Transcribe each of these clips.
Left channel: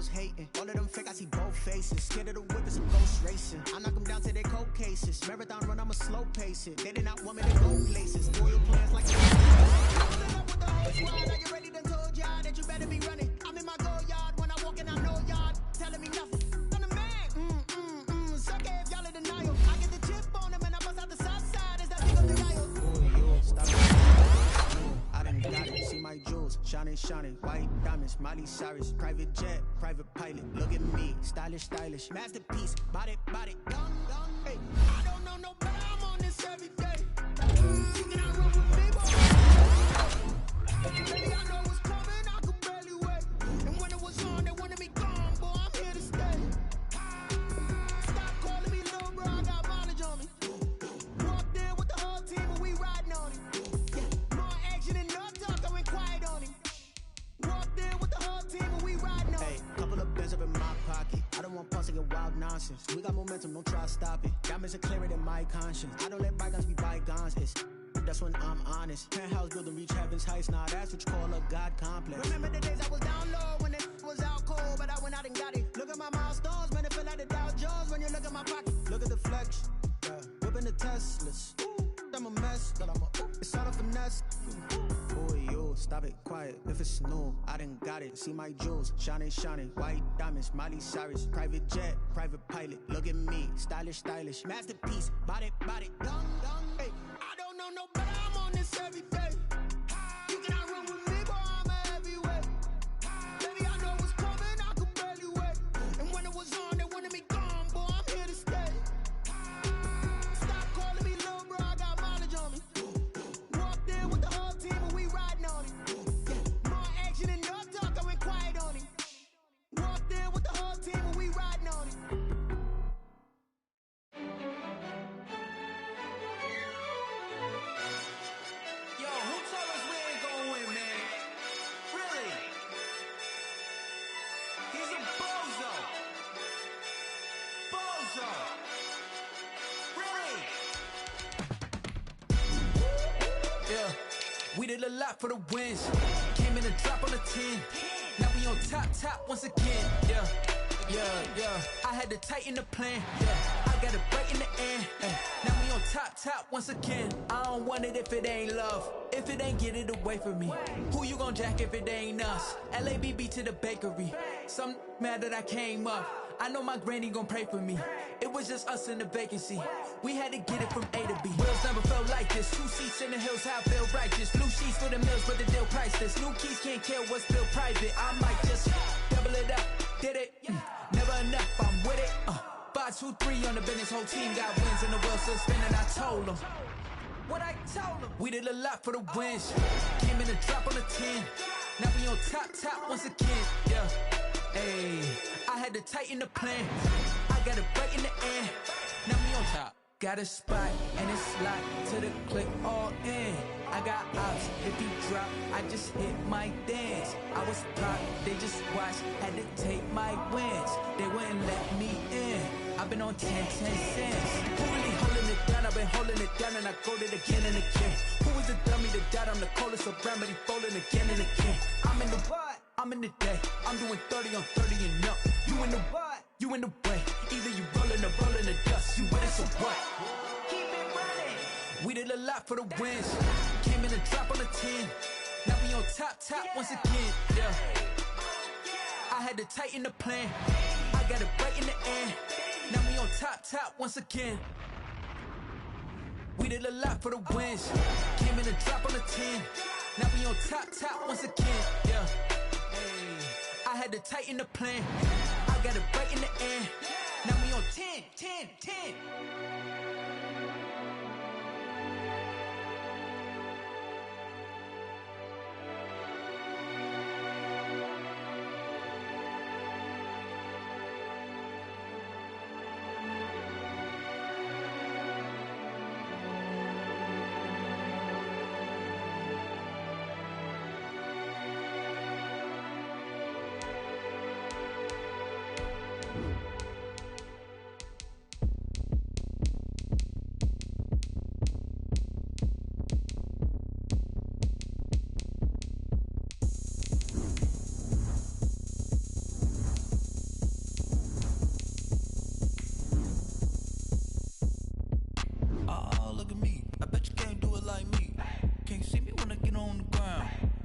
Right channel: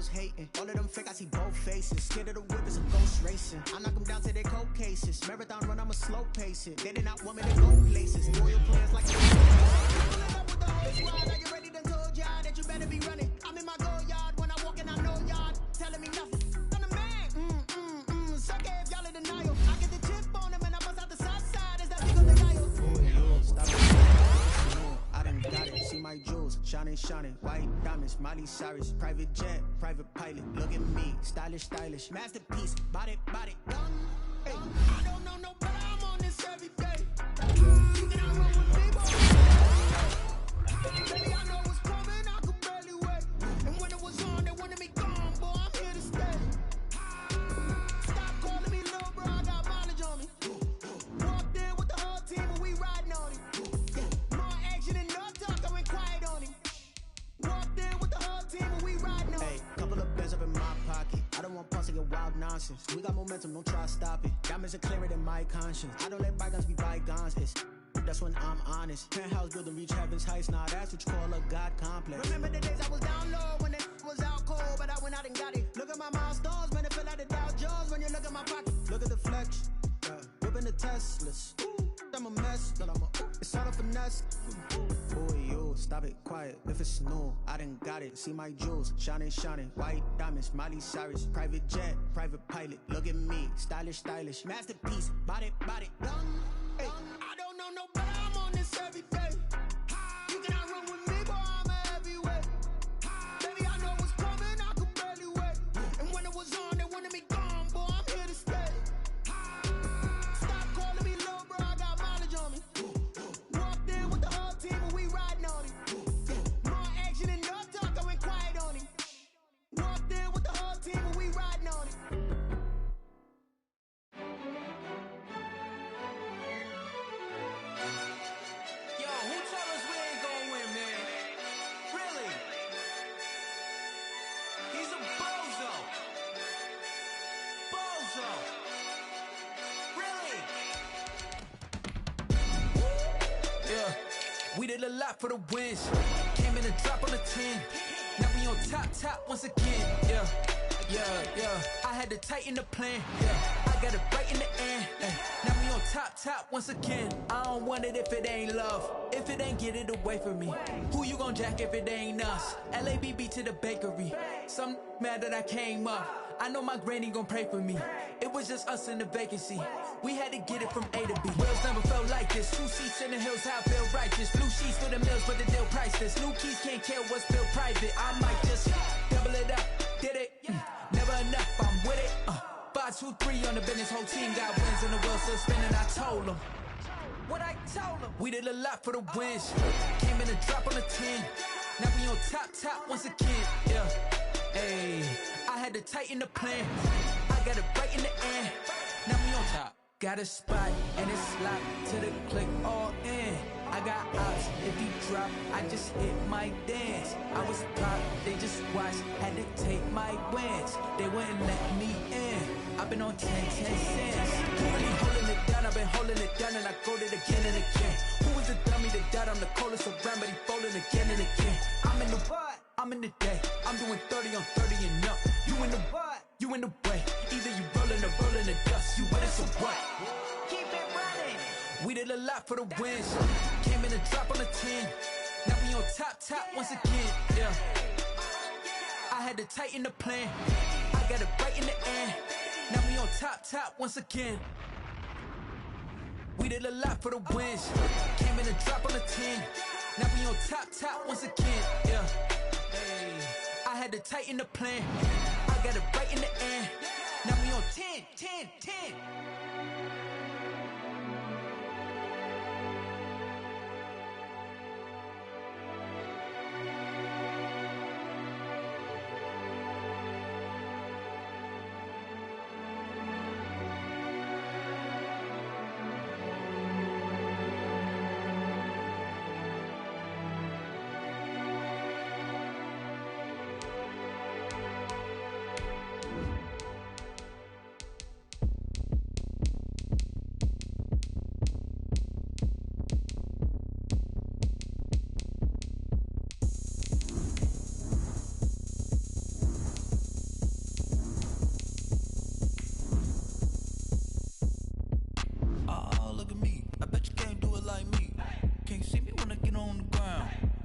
hoes hating. All of them fake, I see both faces. Scared of the whip, it's a ghost racing. I knock them down to their cold cases. Marathon run, I'ma slow pace it. They did not want me to go places. Loyal players like pulling up with the whole squad. Are you ready? Done told y'all that you better be running. I'm in my go yard when I walk in, I know y'all telling me nothing. I'm the man. Suck it if y'all in denial. I get the chip on them and I bust out the south side. Is that big on the dial? Boy, yo, stop it. I done got it, see my jewels, shining, shining, white diamonds, Miley Cyrus, private jet, private pilot, look at me, stylish, stylish, masterpiece, body, done. Hey, I don't know no better, I'm on this every day. You cannot run with me, boy. Baby, I know what's coming, I could barely wait. And when it was on, they wanted me gone, boy, I'm here to stay. Stop calling me little bro, I got mileage on me. Walked in with the whole team and we riding on it. Quiet on him. Walked in with the whole team and we riding on. Hey, couple of bands up in my pocket. I don't want pulse to get wild nonsense. We got momentum, don't try to stop it. Diamonds are clearer than my conscience. I don't let bygones be bygones. That's when I'm honest. Penthouse building reach heaven's heights. Nah, that's what you call a God complex. Remember the days I was down low when it was out cold, but I went out and got it. Look at my milestones, man, it feel like the Dow Jones when you look at my pocket. Look at the flex, whipping the Teslas. I'm a mess, but it's all a finesse. Boy, yo, stop it, quiet. If it's new, I done got it. See my jewels, shining, shining, white diamonds, Miley Cyrus, private jet, private pilot. Look at me, stylish, stylish, masterpiece, body, done. Hey, I don't know no better, I'm on this every day. You cannot run with me, boy, I'm a heavyweight. Baby, I know what's coming, I could barely wait. And when it was on, they wanted me gone, boy, I'm here to stay. Stop calling me little bro, I got mileage on me. Walked in with the whole team and we riding on it. More action and no talk, I went quiet on him. Walked in with the whole team and we riding on it. Yo, who told us we ain't gonna win, man? Really? He's a bozo. Bozo. Really? Yeah, we did a lot for the wins. Came in a drop on the 10. Now we on top once again. Yeah. I had to tighten the plan. Yeah, I got it right in the end. Now we on top once again. I don't want it if it ain't love. If it ain't, get it away from me. Who you gon' jack if it ain't us? LABB to the bakery. Some mad that I came up. I know my granny gon' pray for me. It was just us in the vacancy. We had to get it from A to B. Wheels never felt like this. 2 seats in the hills, how I feel righteous. Blue sheets for the mills, but the deal priceless. New keys can't care what's built private. I might just double it up. Did it? Never enough, I'm with it. 5, 2, 3 on the business. Whole team got wins and the wheels still spinning. I told them what I told them. We did a lot for the wins. Came in a drop on the 10. Now we on top once again. Yeah. Hey, I had to tighten the plan. I got it right in the end. Now we on top. Got a spot and it's locked to the click all in. I got ops, if he drop, I just hit my dance. I was pop, they just watched, had to take my wins. They wouldn't let me in. I've been on 10 cents. Who really holding it down? I've been holding it down and I go it again and again. Who was the dummy that died? I'm the coldest around, but he folding again and again. I'm in the what? I'm in the day. I'm doing 30 on 30 and up. You in the what? You in the way. Either you rolling or rolling the dust. You with us or what? Keep it running. We did a lot for the wins. Came in a drop on the 10. Now we on top once again. Yeah. I had to tighten the plan. I got it right in the end. Now we on top once again. We did a lot for the wins. Came in a drop on the 10. Now we on top once again. Yeah. Hey, I had to tighten the plan. I got it right in the end. Now we on 10.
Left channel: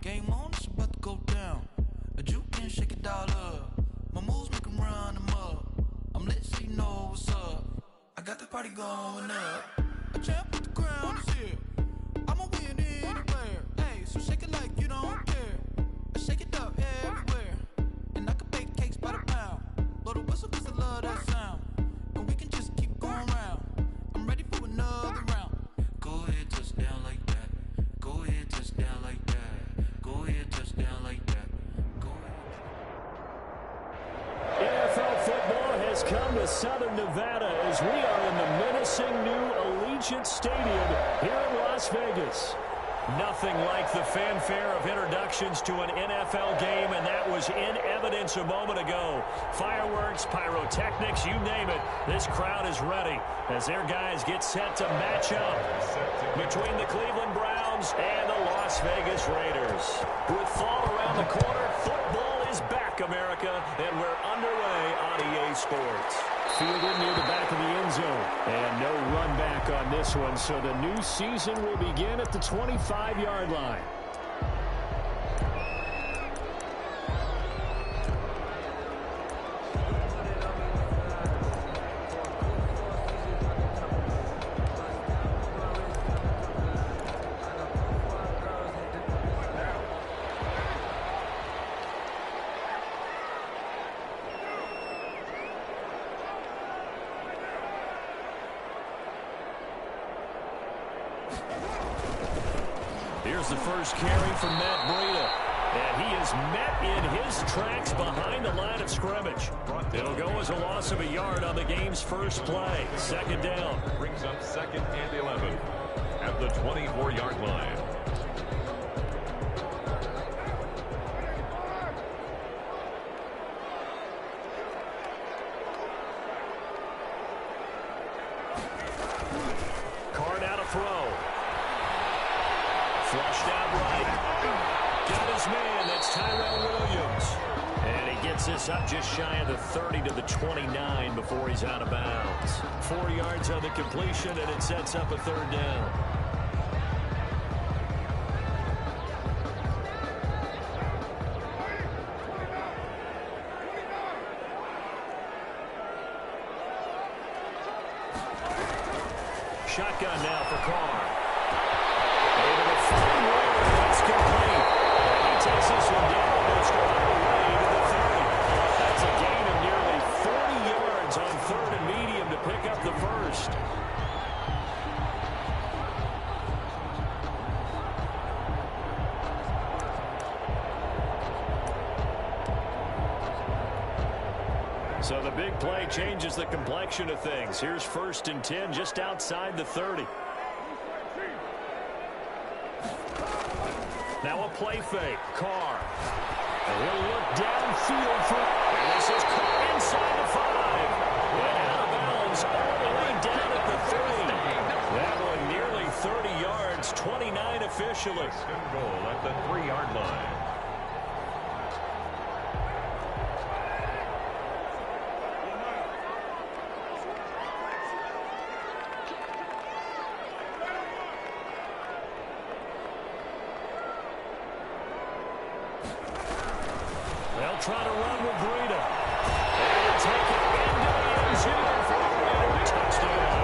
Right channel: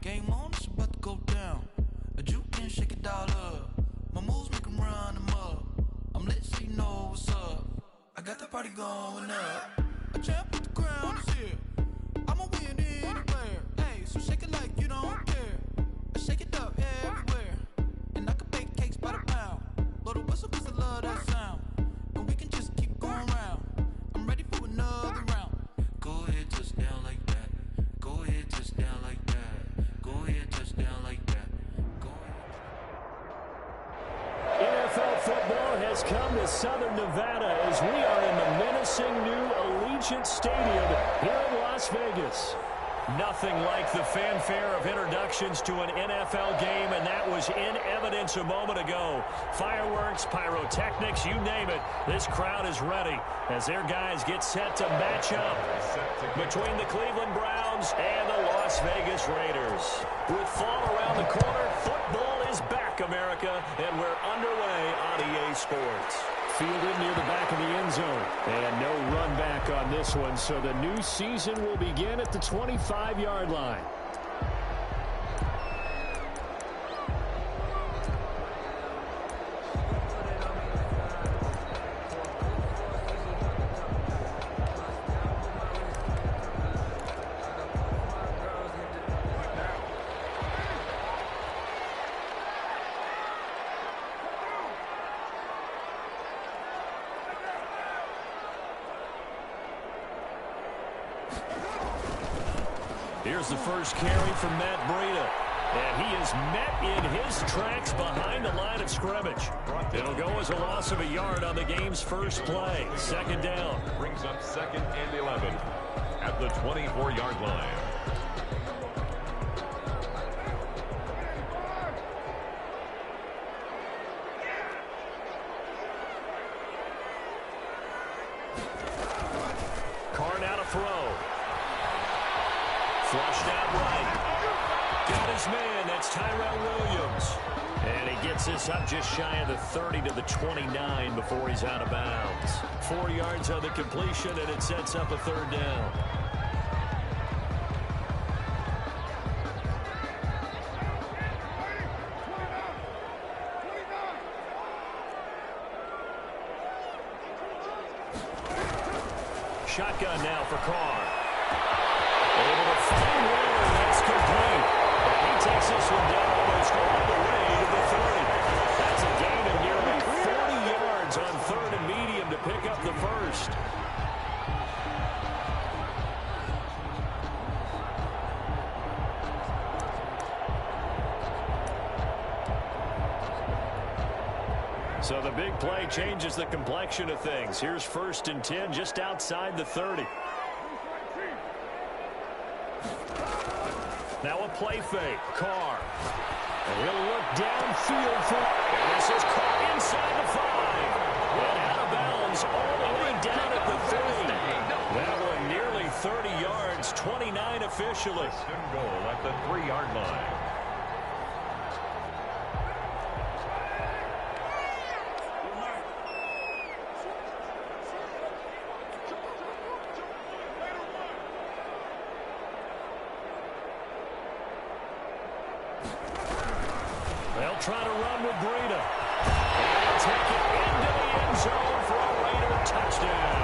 Game on, it's about to go down. A juke and shake it all up. My moves make 'em run them up. I'm lit so you know what's up. I got the party going up. A champ with the crown is here. I'ma win anywhere. Hey, so shake it like you don't care. I shake it up everywhere. And I can bake cakes by the pound. Blow the whistle 'cause I love that sound. And we can just keep going round. I'm ready for another round. Go ahead, touchdown like that. Go ahead, touchdown like that. Go ahead, touchdown like that. Go ahead. NFL football has come to Southern Nevada as we are in the menacing new Allegiant Stadium here in Las Vegas. Nothing like the fanfare of introductions to an NFL game, and that was in evidence a moment ago. Fireworks, pyrotechnics, you name it. This crowd is ready as their guys get set to match up between the Cleveland Browns and the Las Vegas Raiders. With fall around the corner, football is back, America, and we're underway on EA Sports. Fielded near the back of the end zone. And no run back on this one, so the new season will begin at the 25-yard line. Here's the first carry from Matt Breida. And he is met in his tracks behind the line of scrimmage. It'll go as a loss of a yard on the game's first play. Second down. Brings up 2nd and 11 at the 24-yard line. Carr now to throw. Flushed out right. Got his man. That's Tyrell Williams. And he gets this up just shy of the 30 to the 29 before he's out of bounds. 4 yards on the completion, and it sets up a third down. Shotgun now for Carr. Able to find Warner. That's complete. And he takes this one down almost all the way to the 30. That's a gain of nearly 40 yards on 3rd and medium to pick up the first. So the big play changes the complexion of things. Here's 1st and 10 just outside the 30. Now a play fake. Carr. And he'll look downfield for... And this is caught inside the 5. And out of bounds all the way down at the 3. That one nearly 30 yards, 29 officially. First and goal at the 3-yard line. They'll try to run with Breida. And he'll take it into the end zone for a Raider touchdown.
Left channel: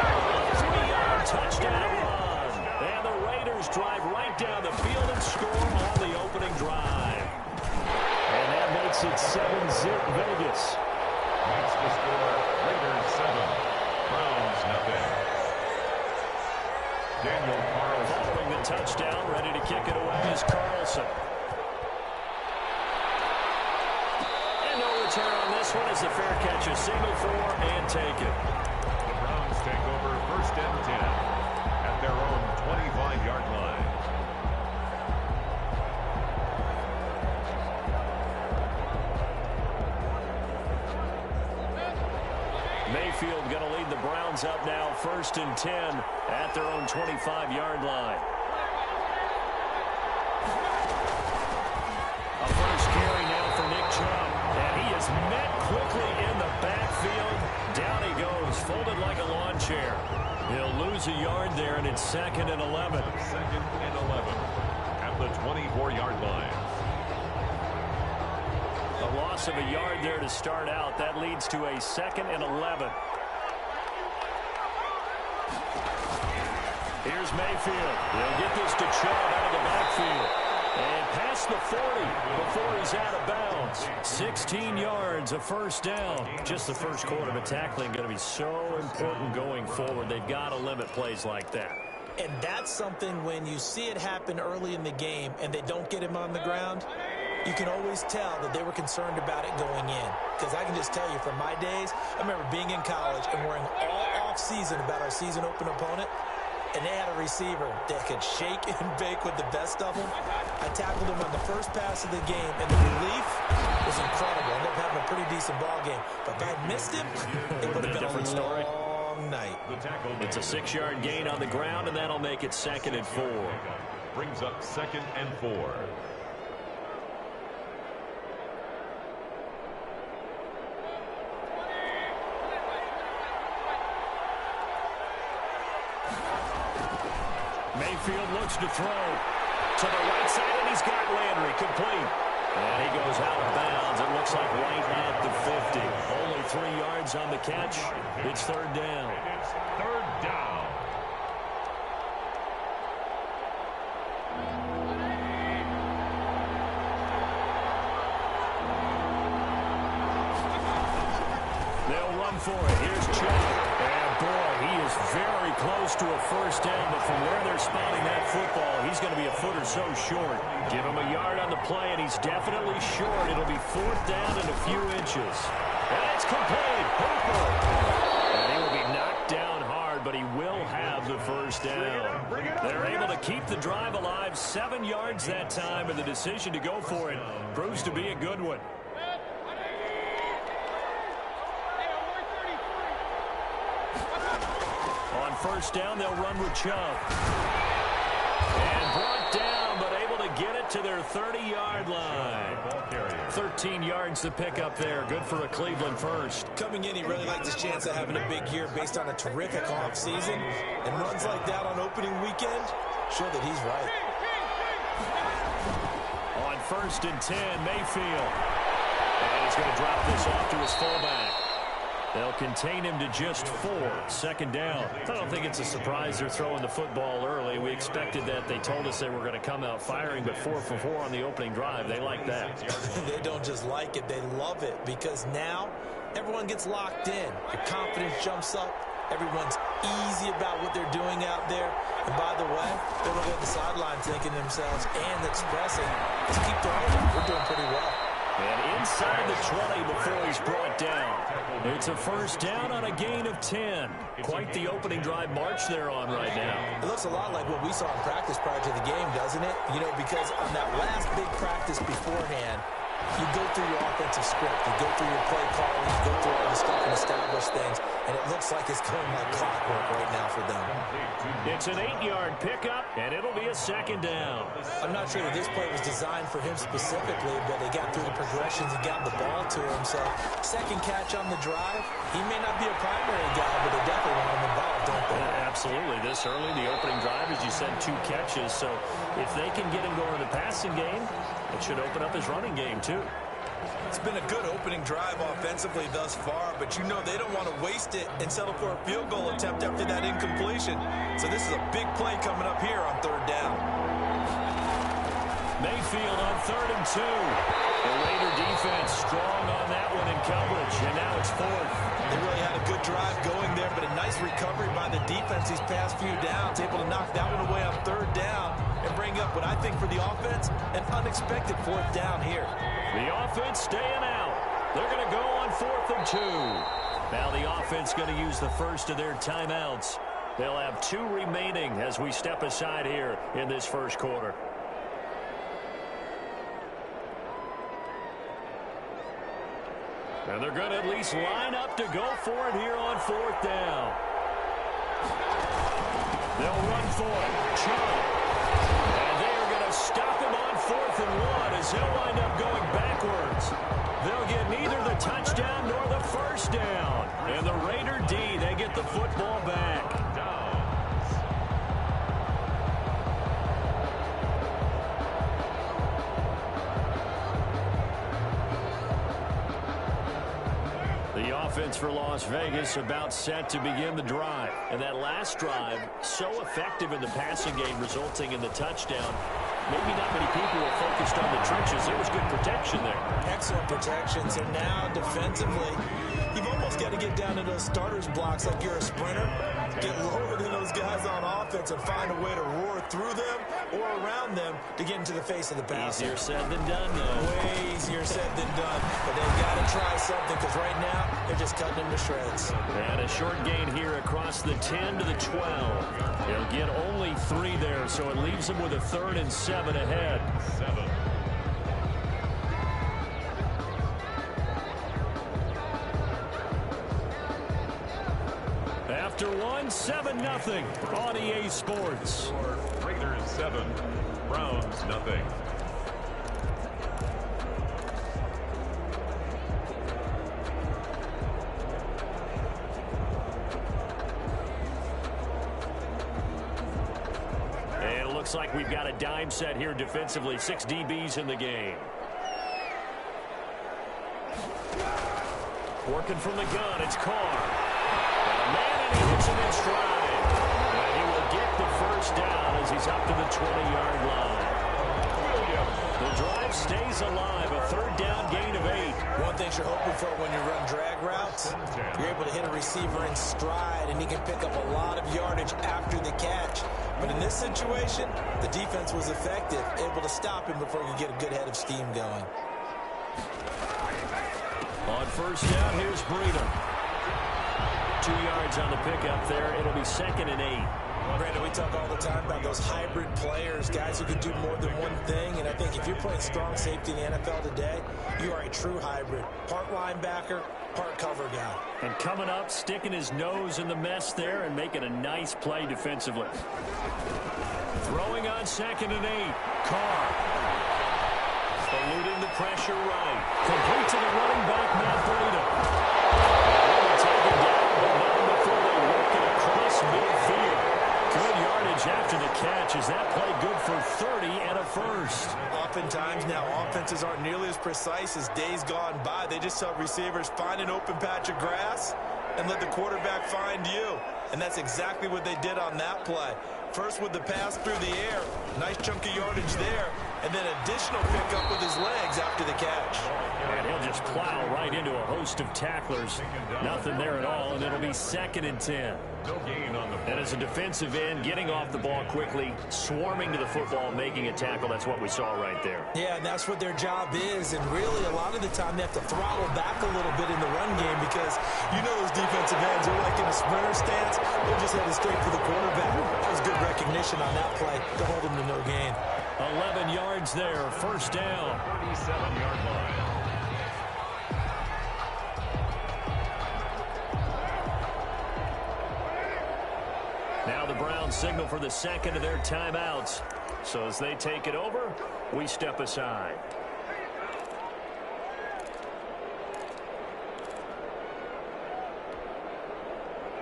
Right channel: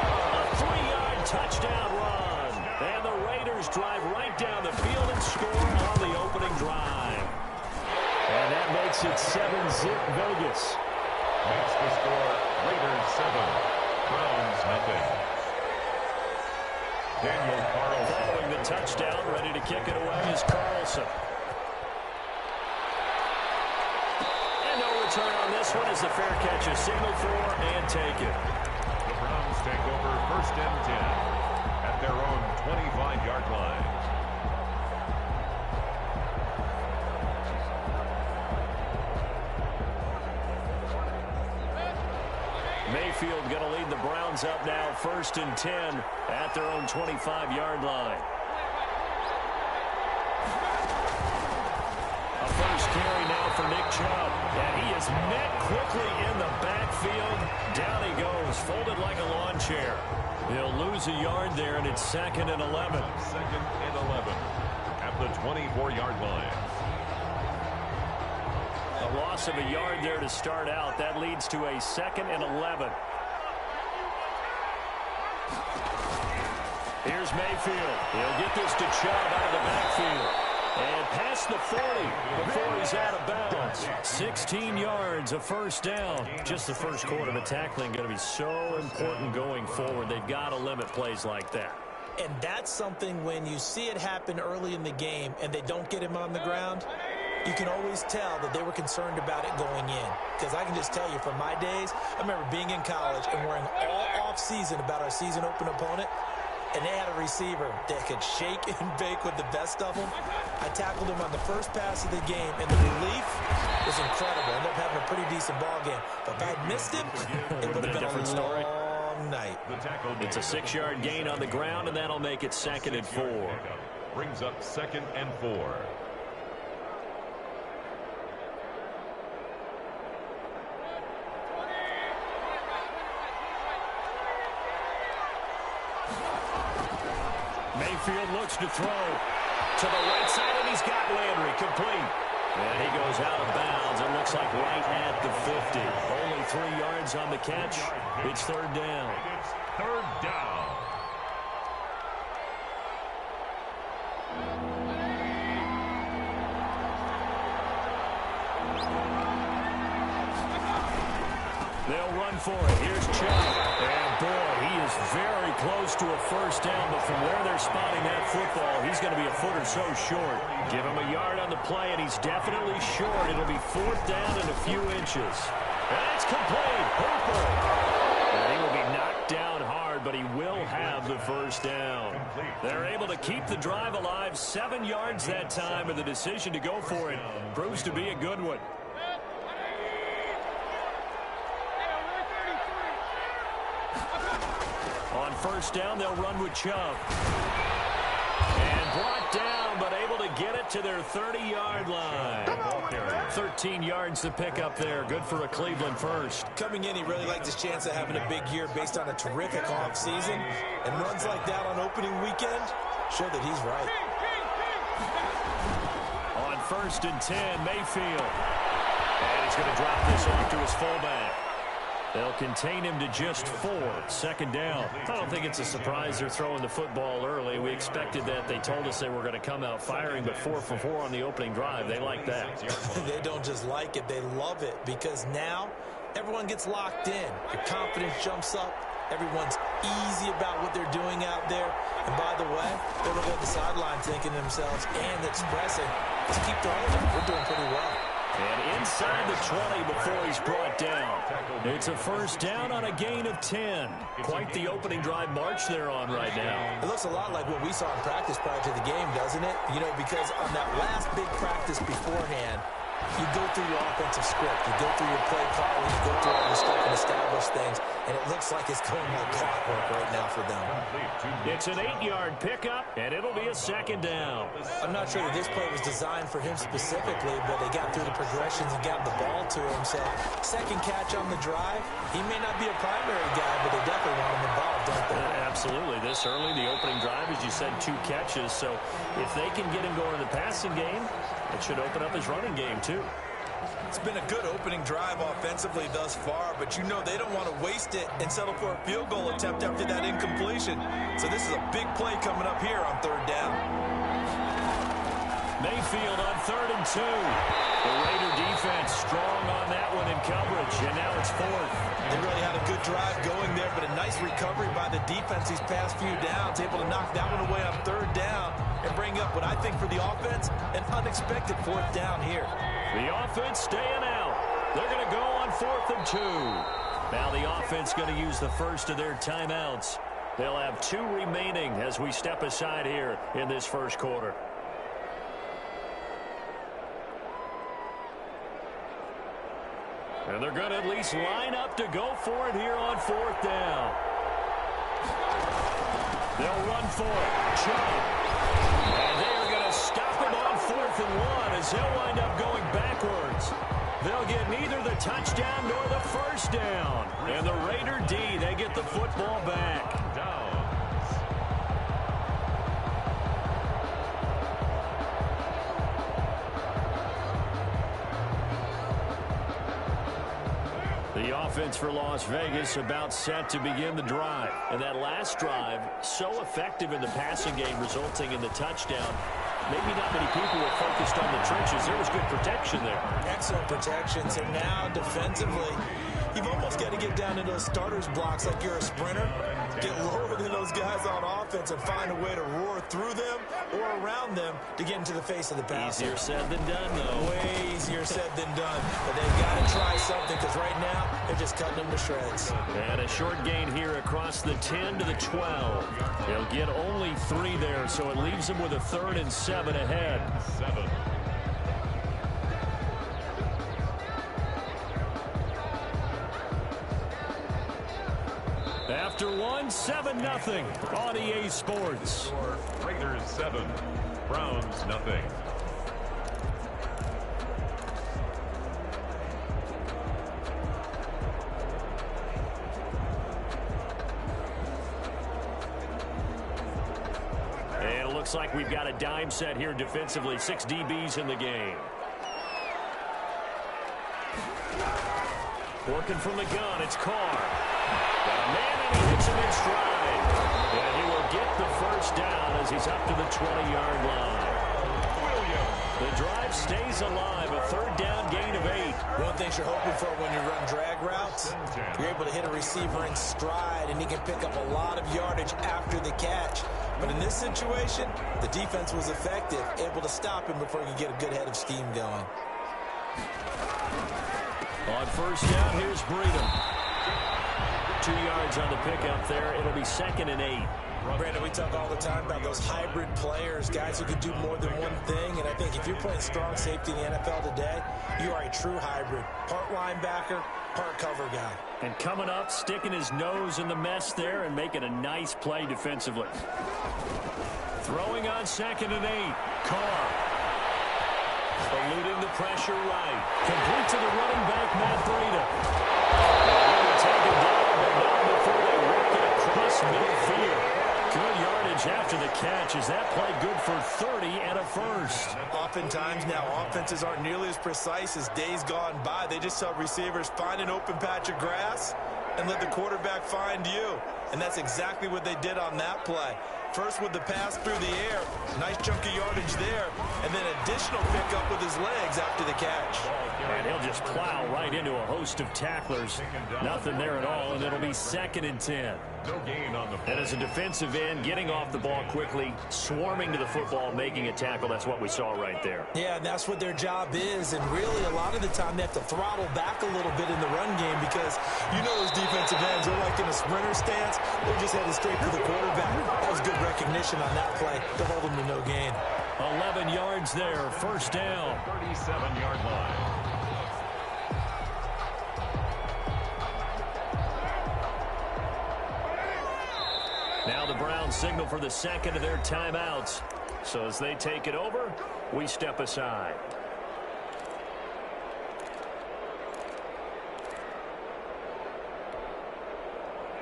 A 3-yard touchdown run. And the Raiders drive right down the field and score on the opening drive. And that makes it 7-zip Vegas. Makes the score Raiders 7, Browns nothing. Daniel Carlson. Following the touchdown, ready to kick it away is Carlson. And no return on this one as the fair catch is signaled for and taken. The Browns take over 1st and 10 at their own 25-yard line. Mayfield going to lead the Browns up now 1st and 10 at their own 25-yard line. A first carry now for Nick Chubb. And he is met quickly in the backfield. Down he goes, folded like a lawn chair. He'll lose a yard there, and it's 2nd and 11. 2nd and 11 at the 24-yard line. A loss of a yard there to start out. That leads to a 2nd and 11. Here's Mayfield. He'll get this to Chubb out of the backfield. And past the 40 before he's out of bounds. 16 yards, a first down. Just the first quarter of tackling going to be so important going forward. They've got to limit plays like that. And that's something when you see it happen early in the game and they don't get him on the ground, you can always tell that they were concerned about it going in. Because I can just tell you from my days, I remember being in college and worrying all off-season about our season open opponent. And they had a receiver that could shake and bake with the best of them. I tackled him on the first pass of the game, and the relief was incredible. Ended up having a pretty decent ball game. But if I had missed him, it would have been a long night. It's a 6-yard gain on the ground, and that'll make it 2nd and 4. Brings up 2nd and 4. Mayfield looks to throw to the right side, and he's got Landry complete. And he goes out of bounds. It looks like right at the 50. Only 3 yards on the catch. It's 3rd down. It's 3rd down. They'll run for it. Here's Chubb. And boy, he is very close to a first down, but from where they're spotting that football, he's going to be a foot or so short. Give him a yard on the play, and he's definitely short. It'll be 4th down and a few inches. And it's complete. Hooper. And he will be knocked down hard, but he will have the first down. They're able to keep the drive alive. 7 yards that time, and the decision to go for it proves to be a good one. On first down, they'll run with Chubb. And brought down, but able to get it to their 30-yard line. 13 yards to pick up there. Good for a Cleveland first. Coming in, he really liked his chance of having a big year based on a terrific offseason. And runs like that on opening weekend show that he's right. On 1st and 10, Mayfield. And he's going to drop this off to his fullback. They'll contain him to just 4. 2nd down. I don't think it's a surprise they're throwing the football early. We expected that. They told us they were going to come out firing, but 4 for 4 on the opening drive. They like that. They don't just like it. They love it because now everyone gets locked in. Your confidence jumps up. Everyone's easy about what they're doing out there. And by the way, they're looking at the sideline thinking to themselves and expressing, let's keep throwing it. We're doing pretty well. And inside the 20 before he's brought down. It's a first down on a gain of 10. Quite the opening drive march they're on right now. It looks a lot like what we saw in practice prior to the game, doesn't it? You know, because on that last big practice beforehand, you go through your offensive script. You go through your play calling. You go through all the stuff and establish things. And it looks like it's going like clockwork right now for them. It's an 8-yard pickup, and it'll be a 2nd down. I'm not sure that this play was designed for him specifically, but they got through the progressions and got the ball to him. So, 2nd catch on the drive. He may not be a primary guy, but they definitely want him involved, don't they? Absolutely. This early, the opening drive, as you said, 2 catches. So, if they can get him going in the passing game, it should open up his running game, too. It's been a good opening drive offensively thus far, but you know they don't want to waste it and settle for a field goal attempt after that incompletion. So this is a big play coming up here on 3rd down. Mayfield on 3rd and 2. The Raider defense strong on that one in coverage, and now it's 4th. They really had a good drive going there, but a nice recovery by the defense these past few downs, able to knock that one away on 3rd down and bring up what I think for the offense, an unexpected 4th down here. The offense staying out. They're going to go on 4th and 2. Now the offense going to use the first of their timeouts. They'll have 2 remaining as we step aside here in this first quarter. And they're going to at least line up to go for it here on 4th down. They'll run for it. Chubb. And they are going to stop him on 4th and 1 as he'll wind up going backwards. They'll get neither the touchdown nor the first down. And the Raider D, they get the football back. The offense for Las Vegas about set to begin the drive. And that last drive, so effective in the passing game, resulting in the touchdown. Maybe not many people were focused on the trenches. There was good protection there. Excellent protections. And now defensively, you've almost got to get down to those starters blocks like you're a sprinter. Get lower than those guys on offense and find a way to roar through them or around them to get into the face of the passer. Easier said than done, though. Way easier said than done. But they've got to try something because right now they're just cutting them to shreds. And a short gain here across the 10 to the 12. They'll get only 3 there, so it leaves them with a 3rd and 7 ahead. 7. After 1, 7-0 on EA Sports. Raiders 7, Browns nothing. And it looks like we've got a dime set here defensively. 6 DBs in the game. Working from the gun, it's Carr. Got a man, and he hits him in stride. And he will get the first down as he's up to the 20-yard line. The drive stays alive, a 3rd down gain of 8. One thing you're hoping for when you run drag routes, you're able to hit a receiver in stride, and he can pick up a lot of yardage after the catch. But in this situation, the defense was effective, able to stop him before he could get a good head of steam going. On 1st down, here's Breedham. 2 yards on the pickup there. It'll be 2nd and 8. Brandon, we talk all the time about those hybrid players, guys who can do more than one thing. And I think if you're playing strong safety in the NFL today, you are a true hybrid. Part linebacker, part cover guy. And coming up, sticking his nose in the mess there and making a nice play defensively. Throwing on 2nd and 8. Carr. Eluding the pressure right. Complete to the running back, Matt Breida. Will be taken down, but not before they work it across midfield. Good yardage after the catch. Is that play good for 30 and a 1st? Oftentimes now offenses aren't nearly as precise as days gone by. They just tell receivers, find an open patch of grass and let the quarterback find you. And that's exactly what they did on that play. First with the pass through the air, nice chunk of yardage there, and then additional pickup with his legs after the catch. And he'll just plow right into a host of tacklers. Nothing there at all, and it'll be 2nd and 10. No gain on the play. And as a defensive end, getting off the ball quickly, swarming to the football, making a tackle, that's what we saw right there. Yeah, and that's what their job is, and really a lot of the time they have to throttle back a little bit in the run game because you know those defensive ends, they're like in a sprinter stance, they're just headed straight for the quarterback. That was good recognition on that play to hold them to no gain. 11 yards there, 1st down. 37-yard line. Now the Browns signal for the 2nd of their timeouts. So as they take it over, we step aside.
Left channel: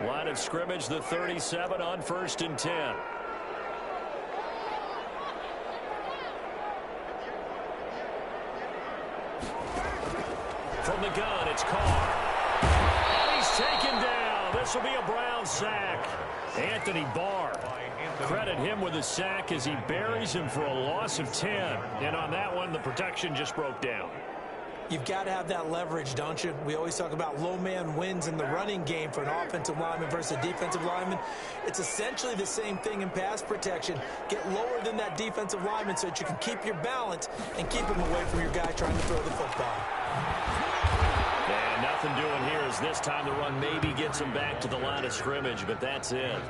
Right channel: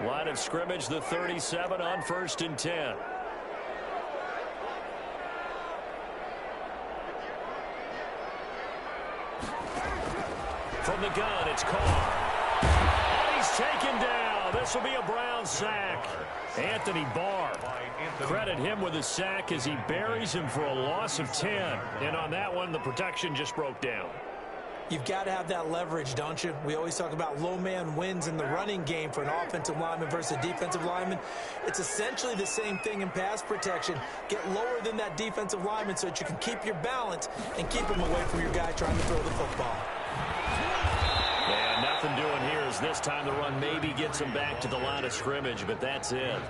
Line of scrimmage, the 37 on 1st and 10. From the gun, it's Carr. And he's taken down. This will be a Brown sack. Anthony Barr. Credit him with a sack as he buries him for a loss of 10. And on that one, the protection just broke down. You've got to have that leverage, don't you? We always talk about low man wins in the running game for an offensive lineman versus a defensive lineman. It's essentially the same thing in pass protection. Get lower than that defensive lineman so that you can keep your balance and keep him away from your guy trying to throw the football. And nothing doing here as this time the run maybe gets him back to the line of scrimmage, but that's it.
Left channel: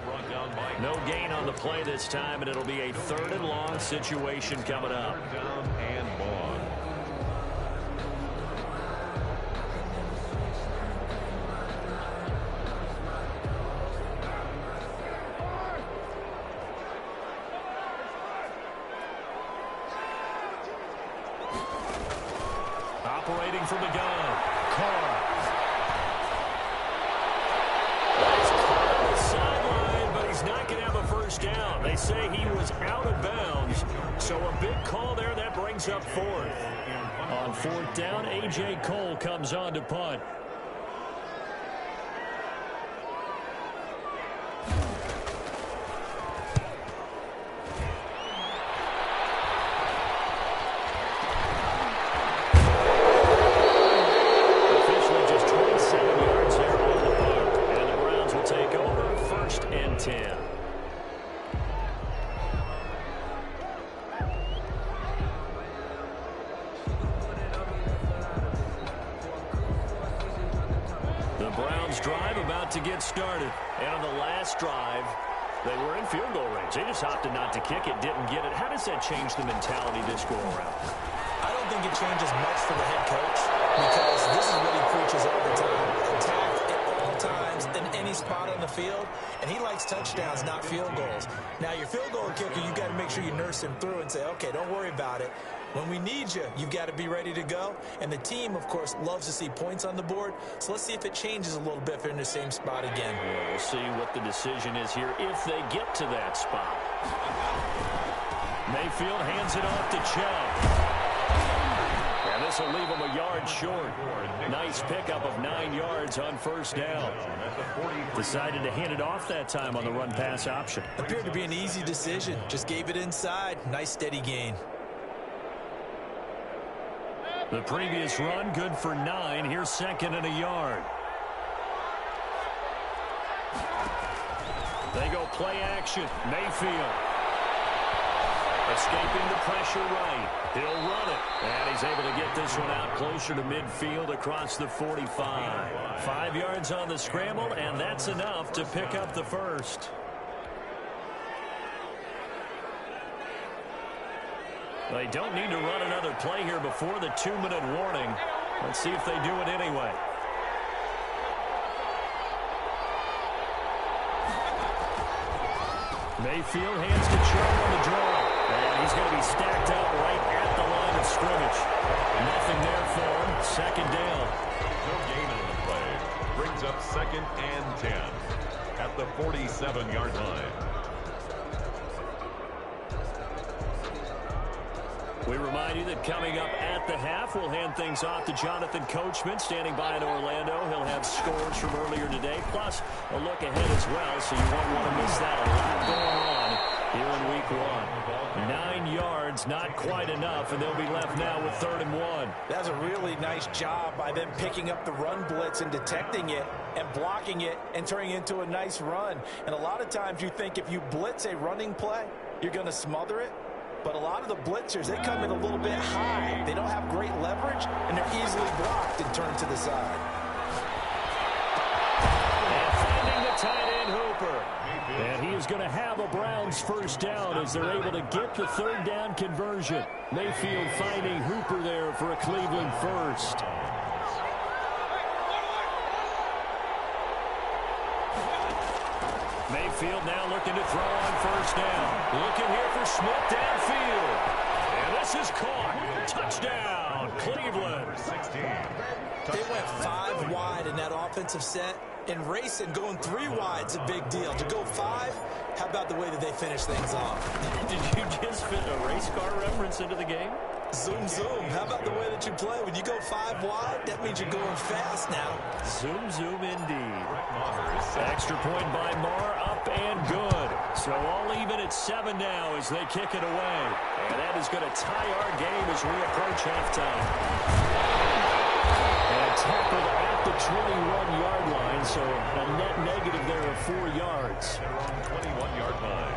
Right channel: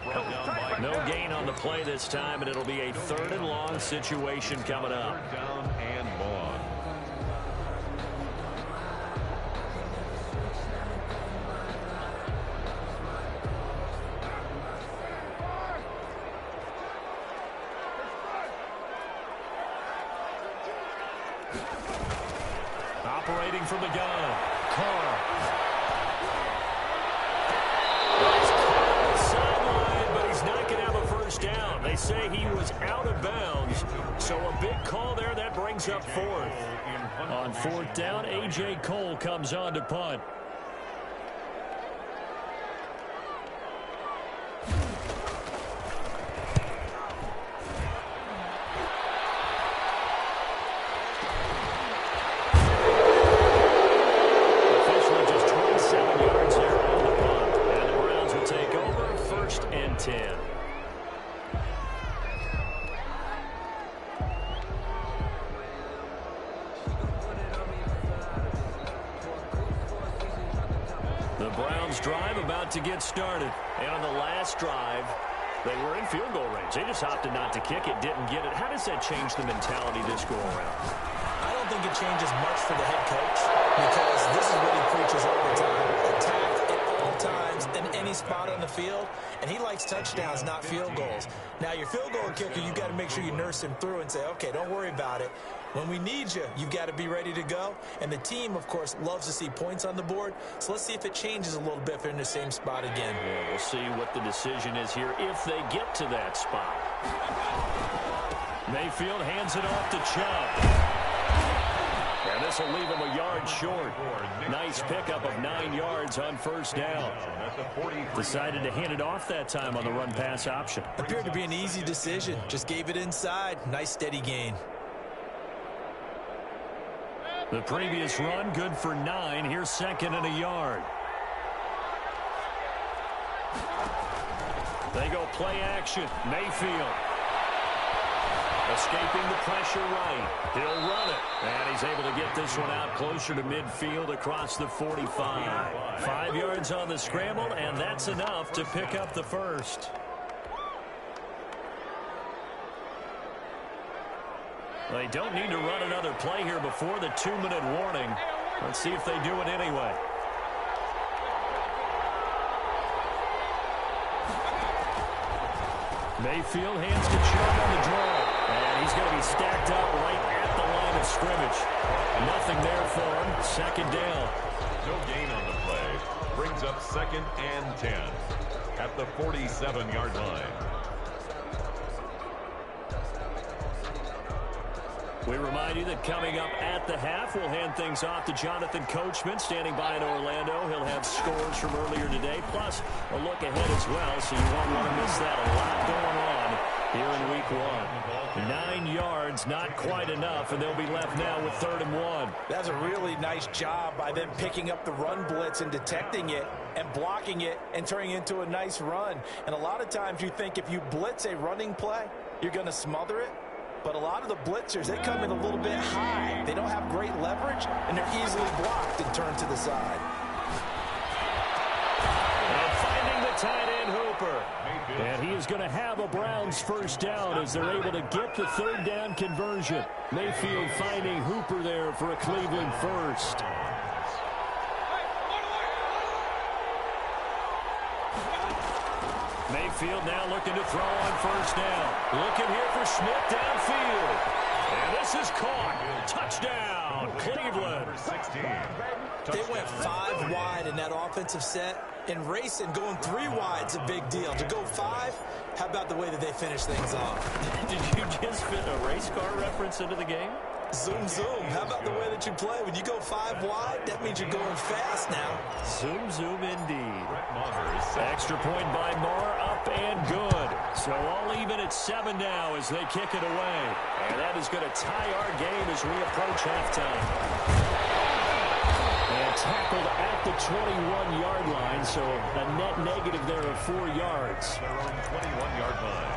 No gain on the play this time, and it'll be a 3rd and long situation coming up. 3rd down and long. Operating from the gun, Carr. Sideline, but he's not going to have a 1st down. They say he was out of bounds, so a big call there that brings up 4th. On 4th down, A.J. Cole comes on to punt. 10. The Browns drive about to get started. And on the last drive, they were in field goal range. They just opted not to kick it, didn't get it. How does that change the mentality this go around? I don't think it changes much for the head coach because this is what he preaches all the time. Attack at all times in any spot on the field, and he likes touchdowns, not field goals. Now, your field goal kicker, you've got to make sure you nurse him through and say, okay, don't worry about it. When we need you, you've got to be ready to go. And the team, of course, loves to see points on the board. So let's see if it changes a little bit if they're in the same spot again. Yeah, we'll see what the decision is here if they get to that spot. Mayfield hands it off to Chubb. And this will leave him a yard short. Nice pickup of 9 yards on first down. Decided to hand it off that time on the run-pass option. Appeared to be an easy decision. Just gave it inside. Nice steady gain. The previous run, good for 9. Here's second and a yard. They go play action. Mayfield. Escaping the pressure right. He'll run it. And he's able to get this one out closer to midfield across the 45. 5 yards on the scramble, and that's enough to pick up the first. They don't need to run another play here before the 2-minute warning. Let's see if they do it anyway. Mayfield hands to Chubb on the draw. And he's going to be stacked up right at the line of scrimmage. Nothing there for him. Second down. No gain on the play. Brings up 2nd and 10 at the 47-yard line. We remind you that coming up at the half, we'll hand things off to Jonathan Coachman, standing by in Orlando. He'll have scores from earlier today, plus a look ahead as well, so you won't want to miss that. A lot going on here in week 1. 9 yards, not quite enough, and they'll be left now with 3rd and 1. That's a really nice job by them picking up the run blitz and detecting it and blocking it and turning it into a nice run. And a lot of times you think if you blitz a running play, you're going to smother it. But a lot of the blitzers, they come in a little bit high. They don't have great leverage, and they're easily blocked and turned to the side. And finding the tight end, Hooper. And he is going to have a Browns first down as they're able to get the 3rd down conversion. Mayfield finding Hooper there for a Cleveland first. Mayfield now looking to throw on first down. Looking here for Smith downfield. And this is caught. Touchdown, Cleveland. They went 5 wide in that offensive set. And racing, going 3 wide is a big deal. To go 5, how about the way that they finish things off? Did you just fit a race car reference into the game? Zoom, zoom. How about the way that you play? When you go 5 wide, that means you're going fast now. Zoom, zoom indeed. Extra point by Marr, up and good. So all even at 7 now as they kick it away. And that is going to tie our game as we approach halftime. And tackled at the 21-yard line, so a net negative there of 4 yards. Their own 21-yard line.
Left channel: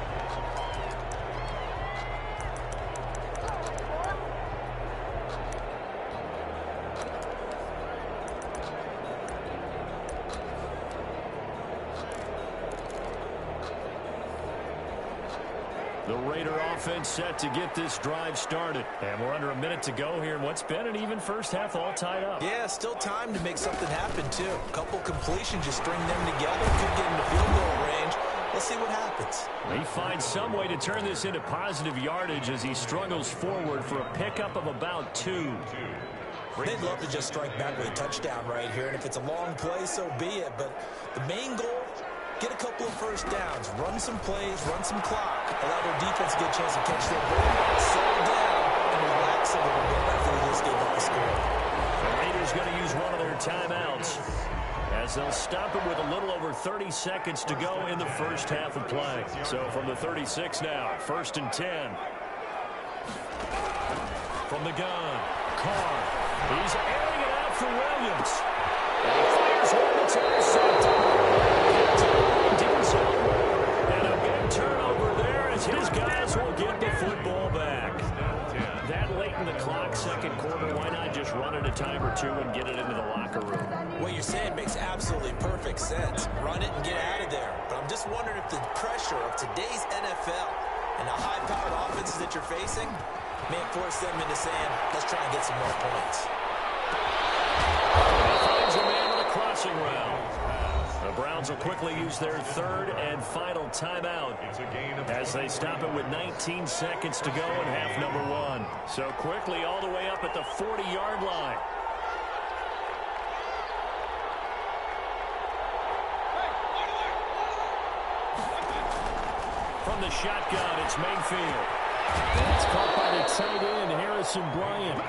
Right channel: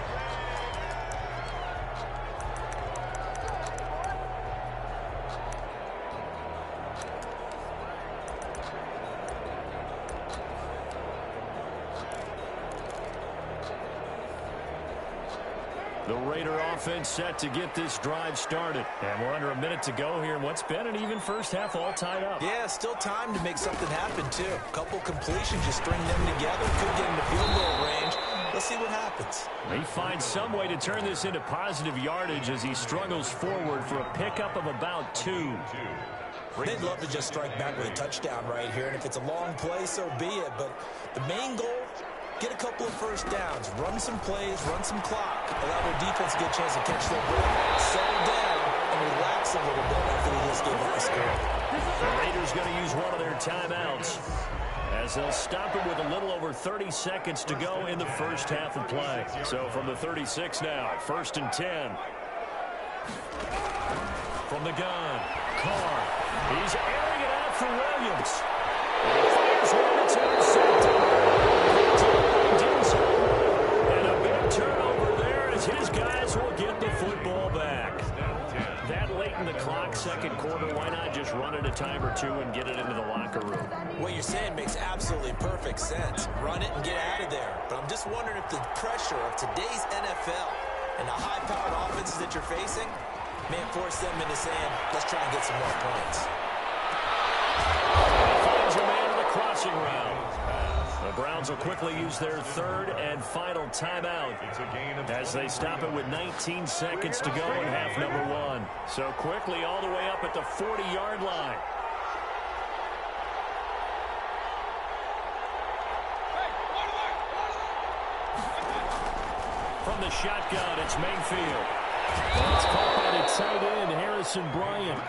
The Raider offense set to get this drive started. And we're under a minute to go here in what's been an even first half, all tied up. Yeah, still time to make something happen, too. A couple completions, just string them together. Could get into field goal range. Let's see what happens. He finds some way to turn this into positive yardage as he struggles forward for a pickup of about 2. They'd love to just strike back with a touchdown right here. And if it's a long play, so be it. But the main goal, get a couple of first downs, run some plays, run some clock, allow their defense to get a chance to catch their breath, settle down, and relax a little bit after they just gave up the score. The Raiders going to use one of their timeouts as they'll stop it with a little over 30 seconds to go in the first half of play. So from the 36 now, 1st and 10. From the gun, Carr. He's airing it out for Williams. And he fires one that's intercepted. as his guys will get the football back. That late in the clock, second quarter, why not just run it a time or two and get it into the locker room? What you're saying makes absolutely perfect sense. Run it and get out of there. But I'm just wondering if the pressure of today's NFL and the high-powered offenses that you're facing may force them into saying, let's try and get some more points. He finds a man on the crossing route. The Browns will quickly use their third and final timeout as they stop it with 19 seconds to go in half number one. So quickly all the way up at the 40-yard line. From the shotgun, it's Mayfield. That's caught by the tight end, Harrison Bryant.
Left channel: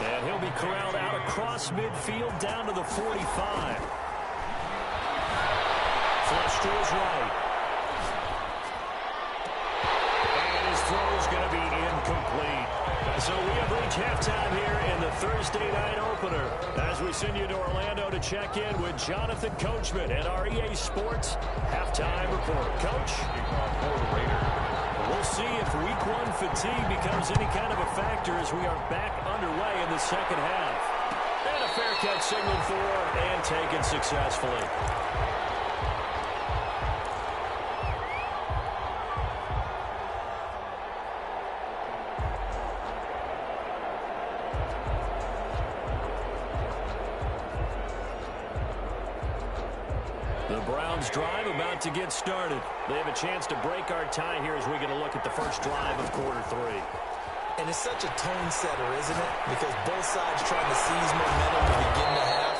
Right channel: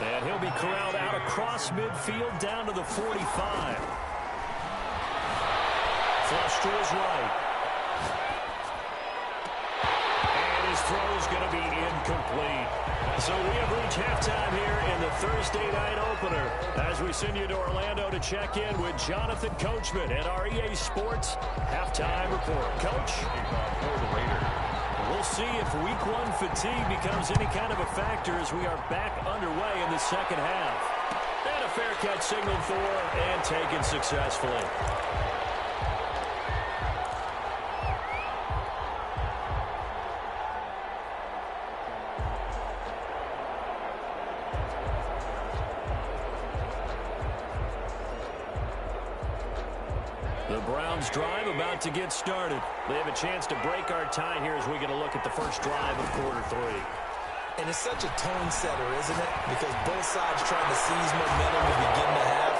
And he'll be corralled out across midfield down to the 45. Flush to his right. And his throw's going to be incomplete. So we have reached halftime here in the Thursday night opener as we send you to Orlando to check in with Jonathan Coachman at our EA Sports Halftime Report. Coach? We'll see if week one fatigue becomes any kind of a factor as we are back underway in the second half. And a fair catch signaled for and taken successfully. The Browns drive about to get started. They have a chance to break our tie here as we get a look at the first drive of quarter three. And it's such a tone setter, isn't it? Because both sides trying to seize momentum to begin the half.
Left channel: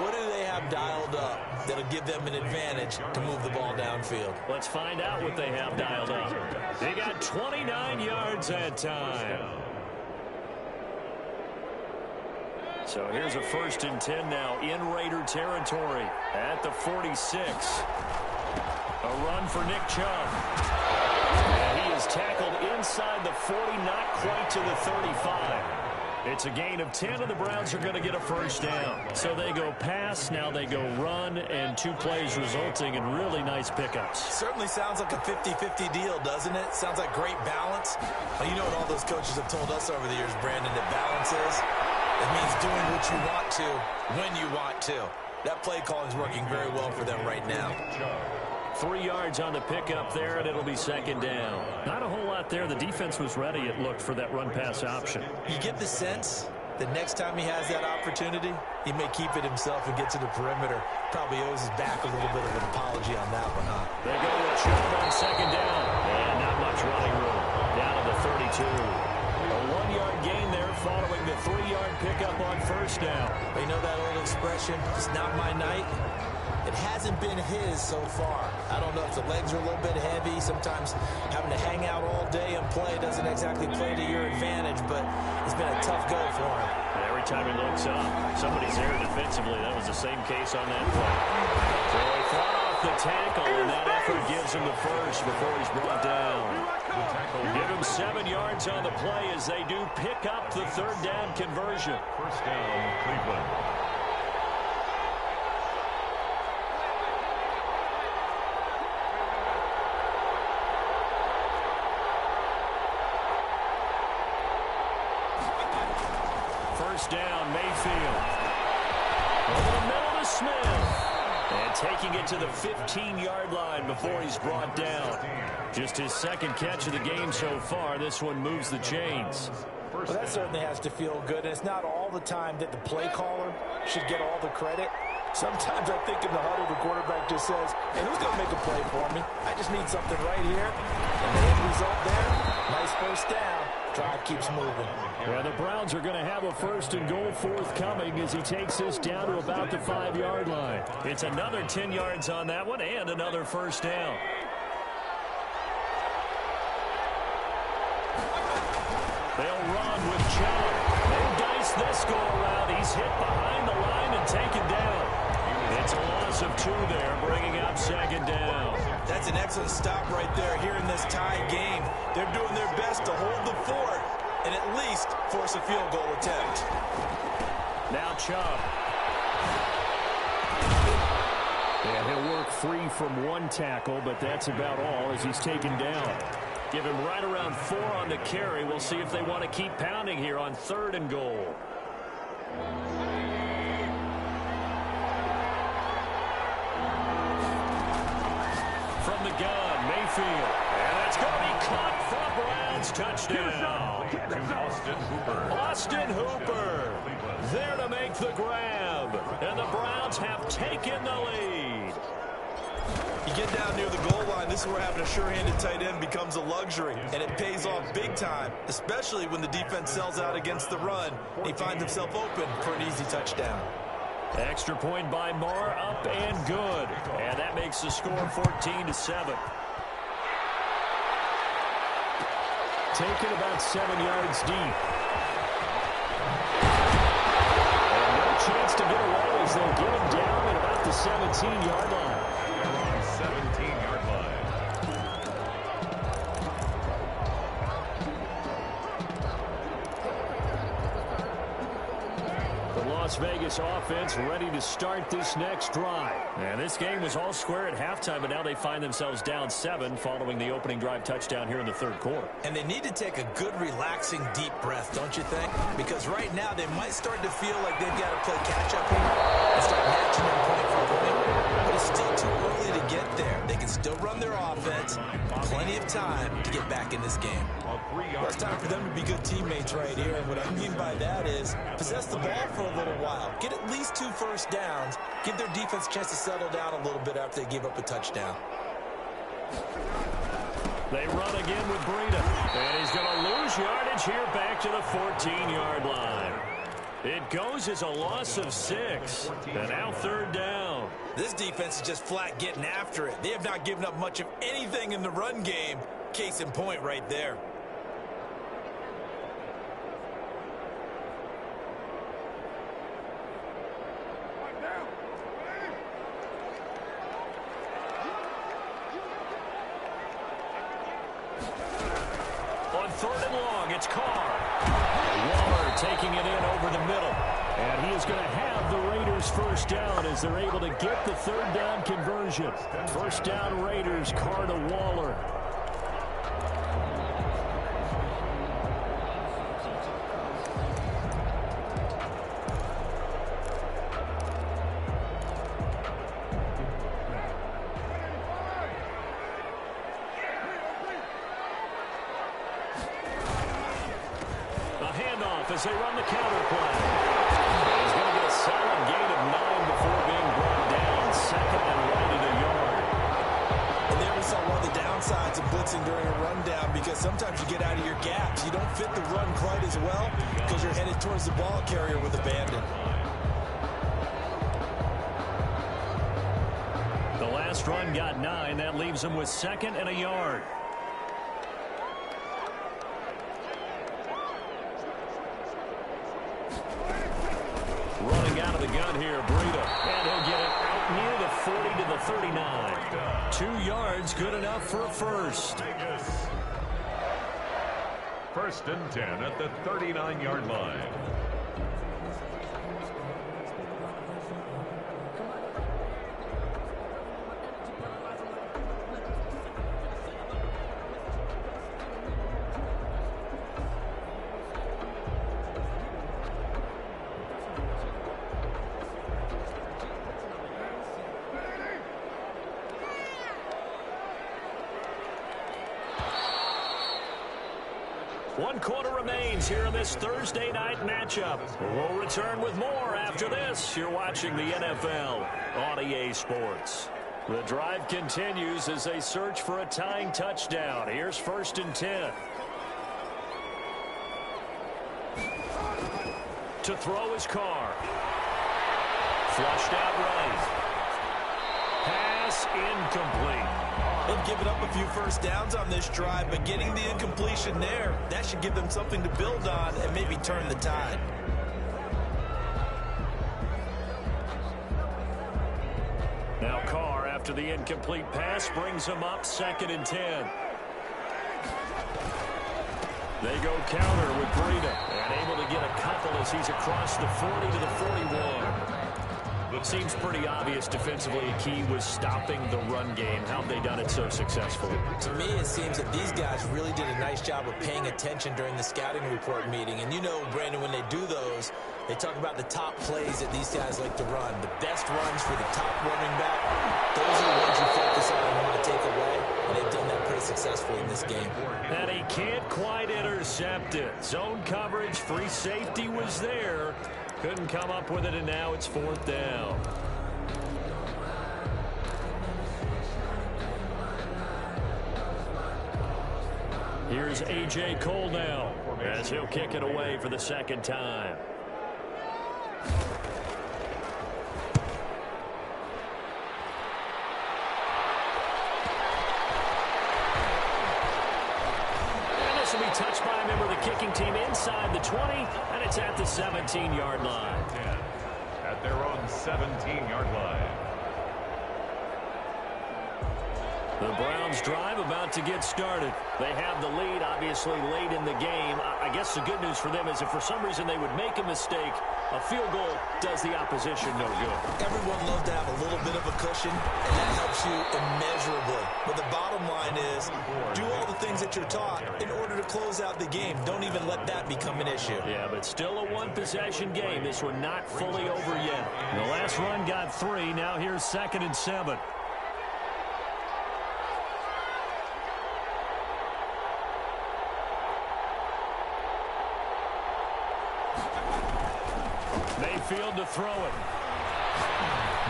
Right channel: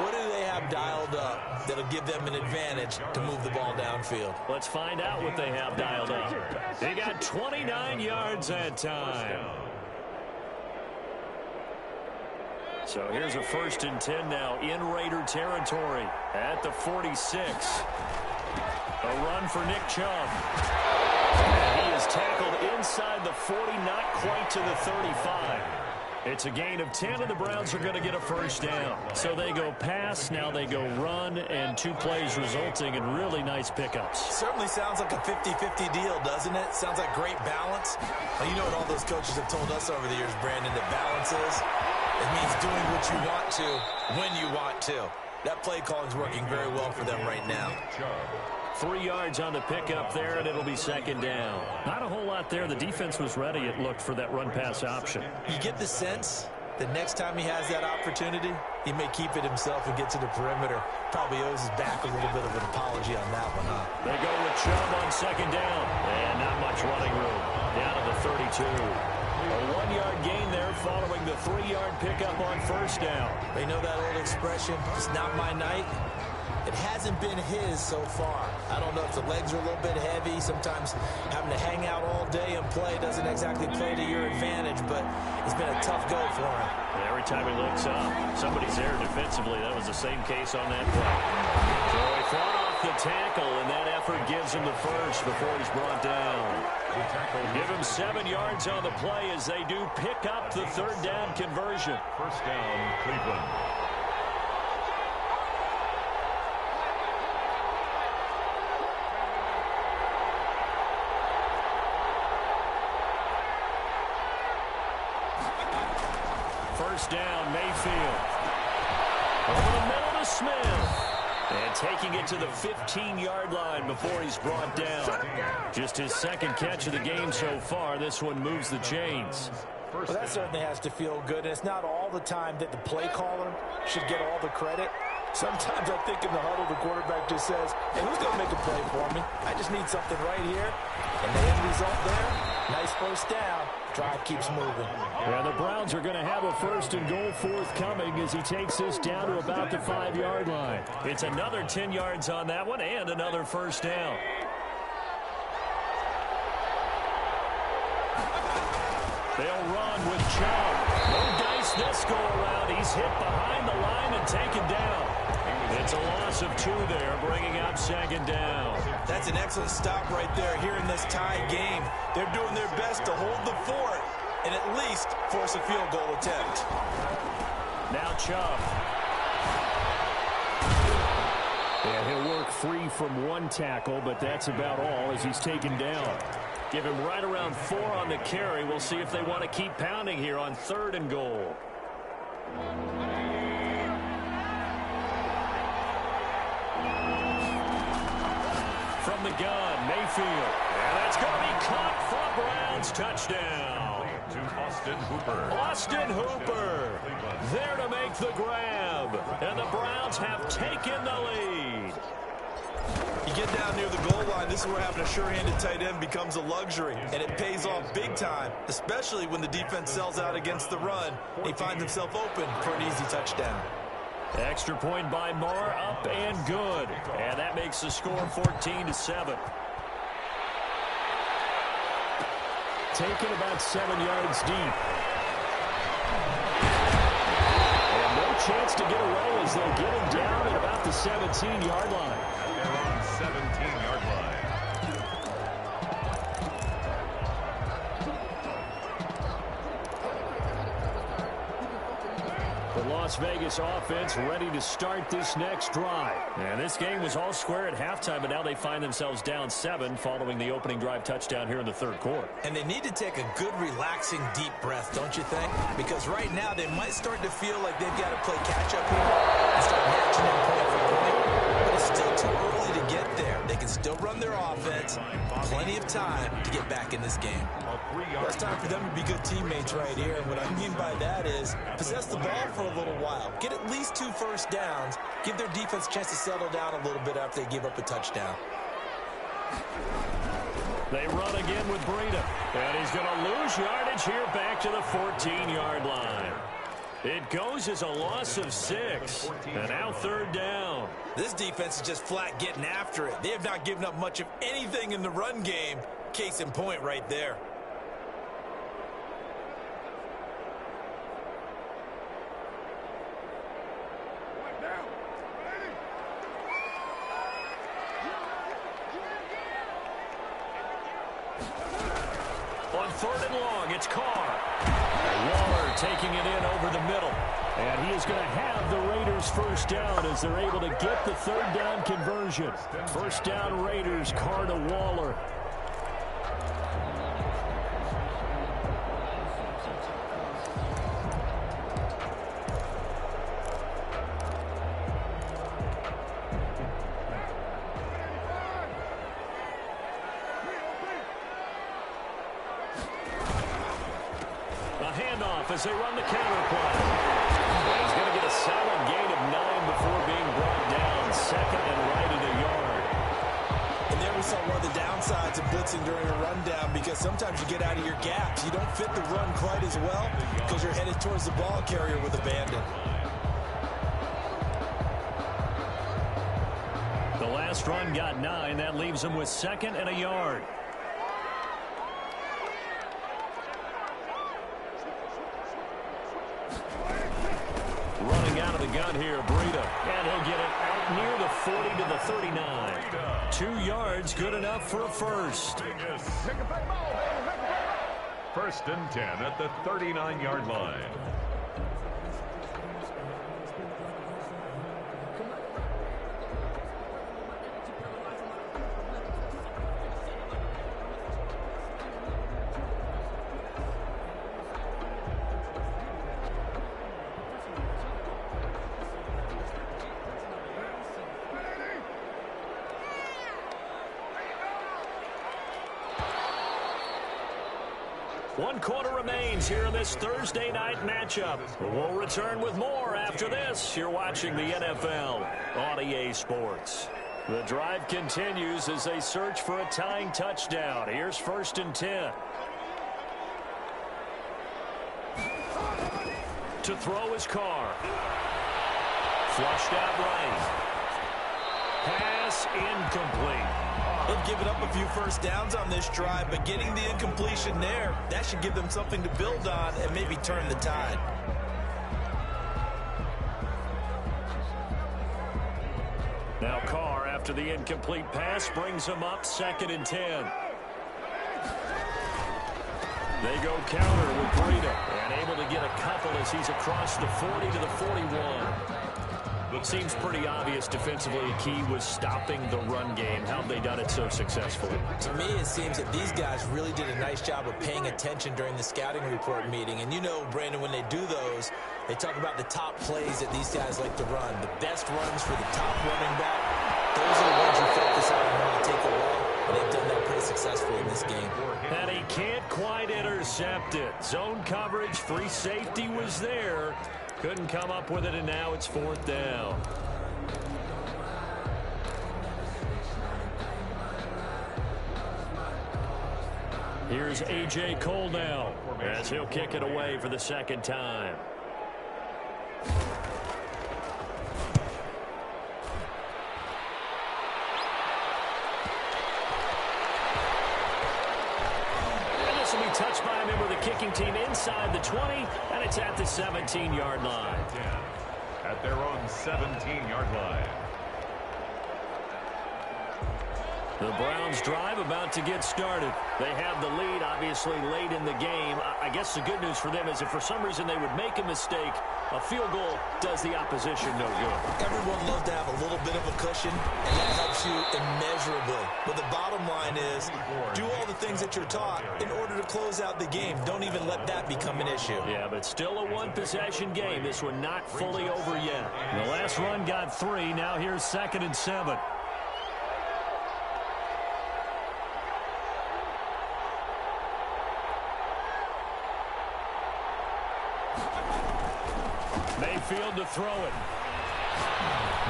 What do they have dialed up that'll give them an advantage to move the ball downfield? Let's find out what they have dialed up. They got 29 yards that time. So here's a 1st and 10 now in Raider territory at the 46. A run for Nick Chubb. And he is tackled inside the 40, not quite to the 35. It's a gain of 10, and the Browns are going to get a first down. So they go pass, now they go run, and 2 plays resulting in really nice pickups. Certainly sounds like a 50-50 deal, doesn't it? Sounds like great balance. Well, you know what all those coaches have told us over the years, Brandon, that balance is? It means doing what you want to, when you want to. That play calling is working very well for them right now. 3 yards on the pickup there, and it'll be second down. Not a whole lot there. The defense was ready, it looked, for that run-pass option. You get the sense that next time he has that opportunity, he may keep it himself and get to the perimeter. Probably owes his back a little bit of an apology on that one, huh? They go with Chubb on second down. And not much running room. Down to the 32. A 1-yard gain there following the 3-yard pickup on first down. You know that old expression, it's not my night? It hasn't been his so far. I don't know if the legs are a little bit heavy. Sometimes having to hang out all day and play doesn't exactly play to your advantage, but it's been a tough go for him. And every time he looks up, somebody's there defensively. That was the same case on that play. So he fought off the tackle, and that effort gives him the first before he's brought down. Give him 7 yards on the play as they do pick up the third down conversion. First down, Cleveland. First down, Mayfield. Over the middle to Smith. And taking it to the 15-yard line before he's brought down. Just his second catch of the game so far. This one moves the chains. Well, that certainly has to feel good. And it's not all the time that the play caller should get all the credit. Sometimes I think in the huddle, the quarterback just says, hey, who's going to make a play for me? I just need something right here. And the end result there, nice first down. Drive keeps moving. Yeah, the Browns are going to have a first and goal forthcoming as he takes this down to about the 5-yard line. It's another 10 yards on that one and another first down. They'll run with Chubb. No dice this go around. He's hit behind the line and taken down. It's a loss of 2 there, bringing up second down. That's an excellent stop right there here in this tie game. They're doing their best to hold the fort and at least force a field goal attempt. Now Chubb. And he'll work free from one tackle, but that's about all as he's taken down. Give him right around 4 on the carry. We'll see if they want to keep pounding here on 3rd and goal. From the gun, Mayfield. And that's going to be caught for Browns touchdown. To Austin Hooper. Austin Hooper there to make the grab. And the Browns have taken the lead. You get down near the goal line, this is where having a sure-handed tight end becomes a luxury, and it pays off big time, especially when the defense sells out against the run. He finds himself open for an easy touchdown. Extra point by Moore, up and good. And that makes the score 14-7. Taken about 7 yards deep. And no chance to get away as they'll get him down at about the 17-yard line. They're on 17-yard line. Las Vegas offense ready to start this next drive. And this game was all square at halftime, but now they find themselves down 7 following the opening drive touchdown here in the 3rd quarter. And they need to take a good, relaxing, deep breath, don't you think? Because right now they might start to feel like they've got to play catch-up here and start matching them point for point. But it's still too early to get there. They can still run their offense. Plenty of time to get back in this game. Well, it's time for them to be good teammates right here. And what I mean by that is possess the ball for a little while. Get at least 2 first downs. Give their defense a chance to settle down a little bit after they give up a touchdown. They run again with Breida. And he's going to lose yardage here back to the 14-yard line. It goes as a loss of 6. And now 3rd down. This defense is just flat getting after it. They have not given up much of anything in the run game. Case in point right there. On 3rd and long, it's Carr. Waller taking it in over the middle. And he is going to have the Raiders first down as they're able to get the 3rd down conversion. First down Raiders, Carr to Waller. As they run the counter play. And he's going to get a solid gain of 9 before being brought down. 2nd and right at a yard. And there we saw one of the downsides of blitzing during a rundown, because sometimes you get out of your gaps. You don't fit the run quite as well because you're headed towards the ball carrier with abandon. The last run got 9. That leaves him with 2nd and a yard. Running out of the gun here, Breida. And he'll get it out near the 40 to the 39. 2 yards, good enough for a first. 1st and 10 at the 39-yard line. One quarter remains here in this Thursday night matchup. We'll return with more after this. You're watching the NFL on EA Sports. The drive continues as they search for a tying touchdown. Here's 1st and 10. To throw is Carr. Flushed out right. Pass incomplete. They've given up a few first downs on this drive, but getting the incompletion there, that should give them something to build on and maybe turn the tide. Now Carr, after the incomplete pass, brings him up 2nd and 10. They go counter with Breida, and able to get a couple as he's across the 40 to the 41. Seems pretty obvious defensively a key was stopping the run game. How have they done it so successfully? To me, it seems that these guys really did a nice job of paying attention during the scouting report meeting. And you know, Brandon, when they do those, they talk about the top plays that these guys like to run. The best runs for the top running back, those are the ones you focus on and want to take away. And they've done that pretty successfully in this game. And he can't quite intercept it. Zone coverage, free safety was there. Couldn't come up with it, and now it's 4th down. Here's A.J. Cole now as he'll kick it away for the 2nd time. Will be touched by a member of the kicking team inside the 20, and it's at the 17-yard line. At their own 17-yard line. The Browns drive about to get started. They have the lead, obviously, late in the game. I guess the good news for them is if for some reason they would make a mistake, a field goal does the opposition no good. Everyone loves to have a little bit of a cushion, and that helps you immeasurably. But the bottom line is, do all the things that you're taught in order to close out the game. Don't even let that become an issue. Yeah, but still a one-possession game. This one not fully over yet. The last run got 3. Now here's 2nd and 7. Mayfield to throw it.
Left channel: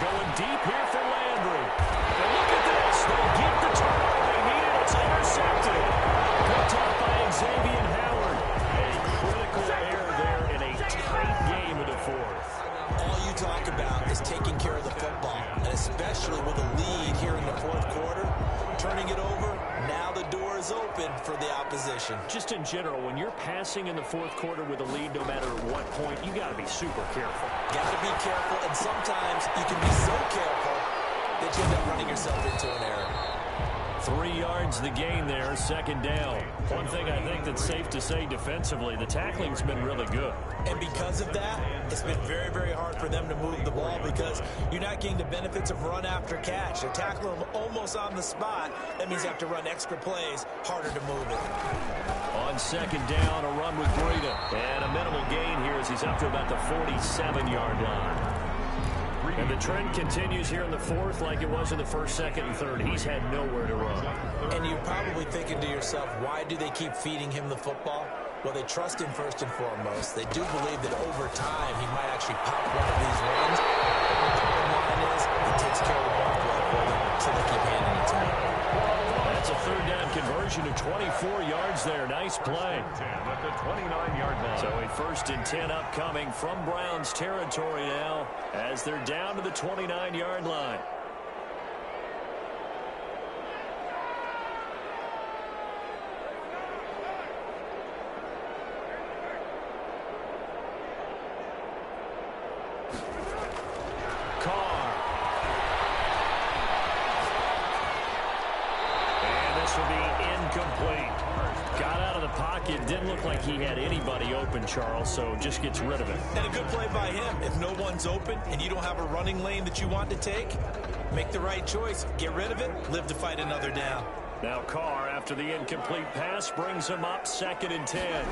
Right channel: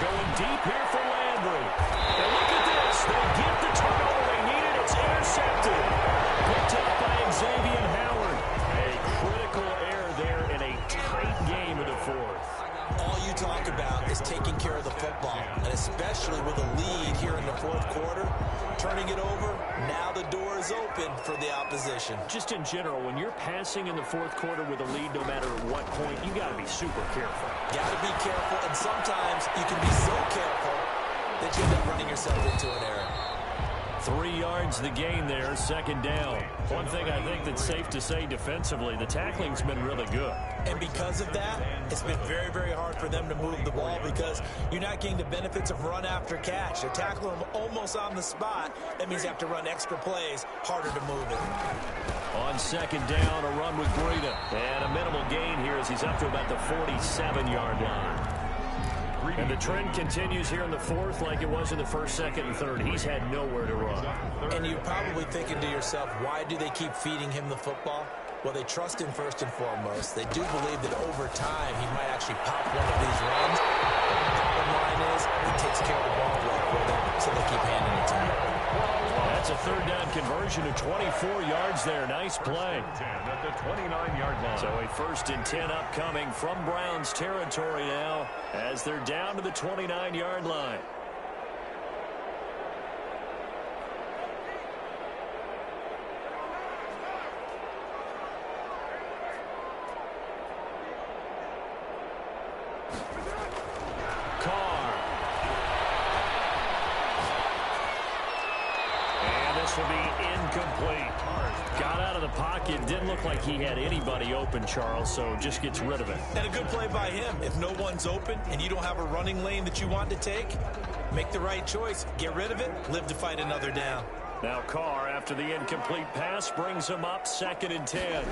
Going deep here for Landry. And look at this. They get the turnover they needed. It's intercepted. Picked out by Xavier Howard. A critical error there in a tight game in the 4th. All you talk about is taking care of the football, and especially with a lead here in the 4th quarter, turning it over, now the door is open for the opposition. Just in general, when you're passing in the 4th quarter with a lead, no matter what point, you got to be super careful. Got to be careful, and sometimes you can be so careful that you end up running yourself into an error. 3 yards the gain there, 2nd down. One thing I think that's safe to say defensively, the tackling's been really good. And because of that, it's been very, very hard for them to move the ball because you're not getting the benefits of run after catch. They're tackling them almost on the spot. That means you have to run extra plays, harder to move it. On 2nd down, a run with Breida. And a minimal gain here as he's up to about the 47-yard line. And the trend continues here in the 4th like it was in the 1st, 2nd, and 3rd. He's had nowhere to run. And you're probably thinking to yourself, why do they keep feeding him the football? Well, they trust him first and foremost. They do believe that over time he might actually pop one of these runs. But the bottom line is he takes care of the ball well for them, so they keep handing it to him. That's a 3rd down conversion of 24 yards there. Nice play. At the 29-yard line. So a 1st and 10 upcoming from Browns territory now as they're down to the 29-yard line. Carr. And this will be incomplete. Got out of the pocket. Didn't look like he had anybody open, Charles, so just gets rid of it. And a good play by him. If no one's open and you don't have a running lane that you want to take, make the right choice. Get rid of it. Live to fight another down. Now Carr, after the incomplete pass, brings him up 2nd and 10.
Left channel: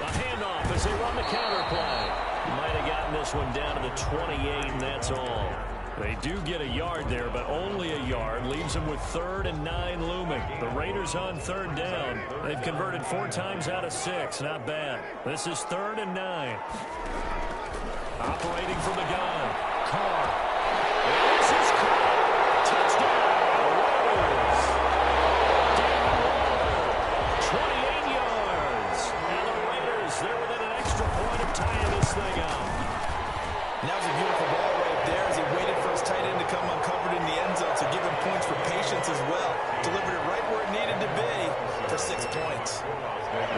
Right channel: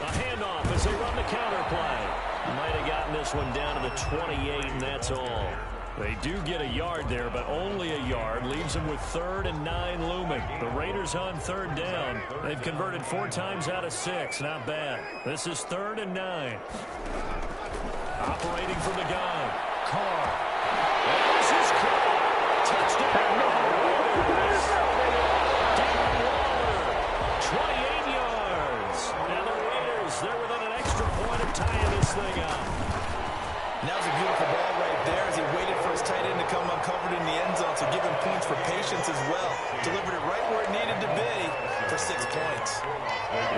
A handoff as they run the counter play. Might have gotten this one down to the 28, and that's all. They do get a yard there, but only a yard. Leaves them with 3rd and 9 looming. The Raiders on 3rd down. They've converted 4 times out of 6. Not bad. This is 3rd and 9. Operating from the gun. Carr. And this is caught. Touchdown, Raiders. Darren Waller, 28 yards. And the Raiders, they're within an extra point of tying this thing up. And that was a beautiful ball right there as he waited for his tight end to come uncovered in the end zone, so give him points for patience as well. Delivered it right where it needed to be for 6 points.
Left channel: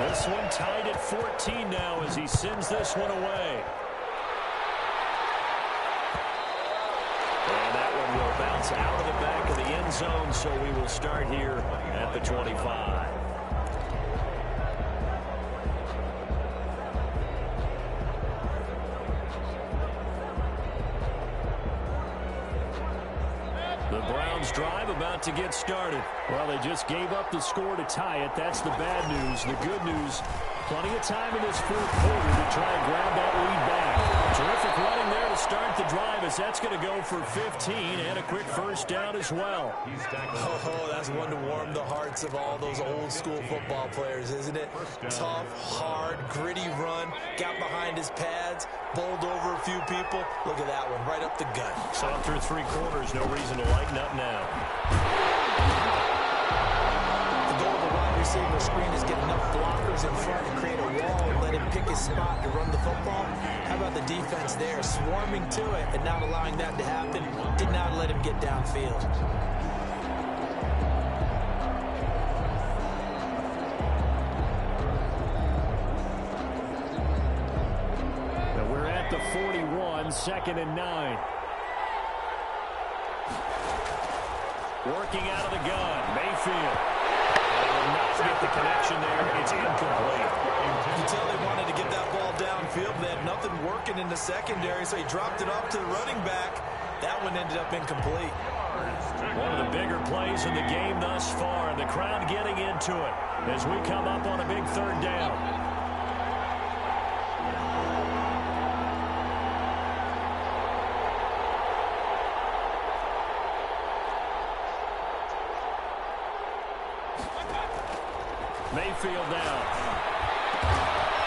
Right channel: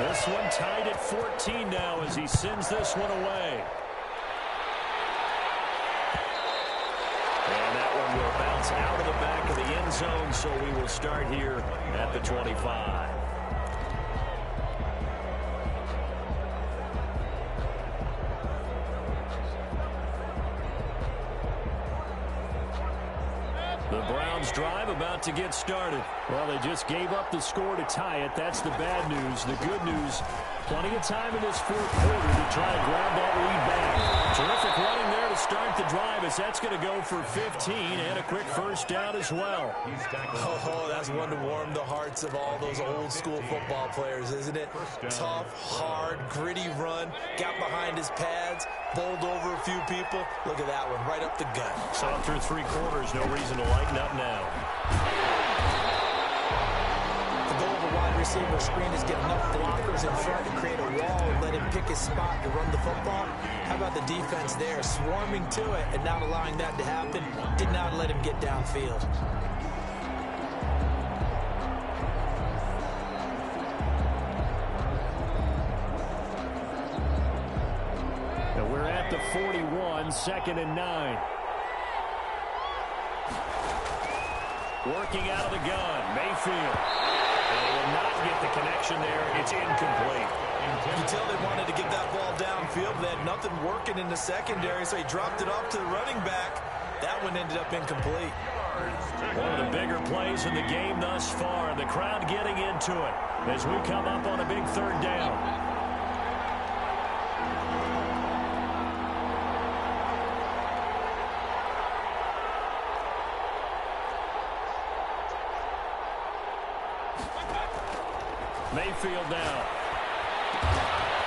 This one tied at 14 now as he sends this one away. And that one will bounce out of the back of the end zone, so we will start here at the 25. Browns drive about to get started. Well, they just gave up the score to tie it. That's the bad news. The good news, plenty of time in this fourth quarter to try and grab that lead back. Terrific running there to start the drive as that's going to go for 15 and a quick first down as well. Oh, that's one to warm the hearts of all those old school football players, isn't it? Tough, hard, gritty run, got behind his pads, bowled over a few people. Look at that one, right up the gut. So through three quarters, no reason to lighten up now. The goal of a wide receiver screen is get enough blockers in front to create a wall and let him pick his spot to run the football. How about the defense there, swarming to it and not allowing that to happen? Did not let him get downfield. Now we're at the 41, 2nd and 9. Working out of the gun, Mayfield. And he will not get the connection there. It's incomplete. You can tell they wanted to get that ball downfield, but they had nothing working in the secondary, so he dropped it off to the running back. That one ended up incomplete. One of the bigger plays in the game thus far. The crowd getting into it as we come up on a big third down. Mayfield now.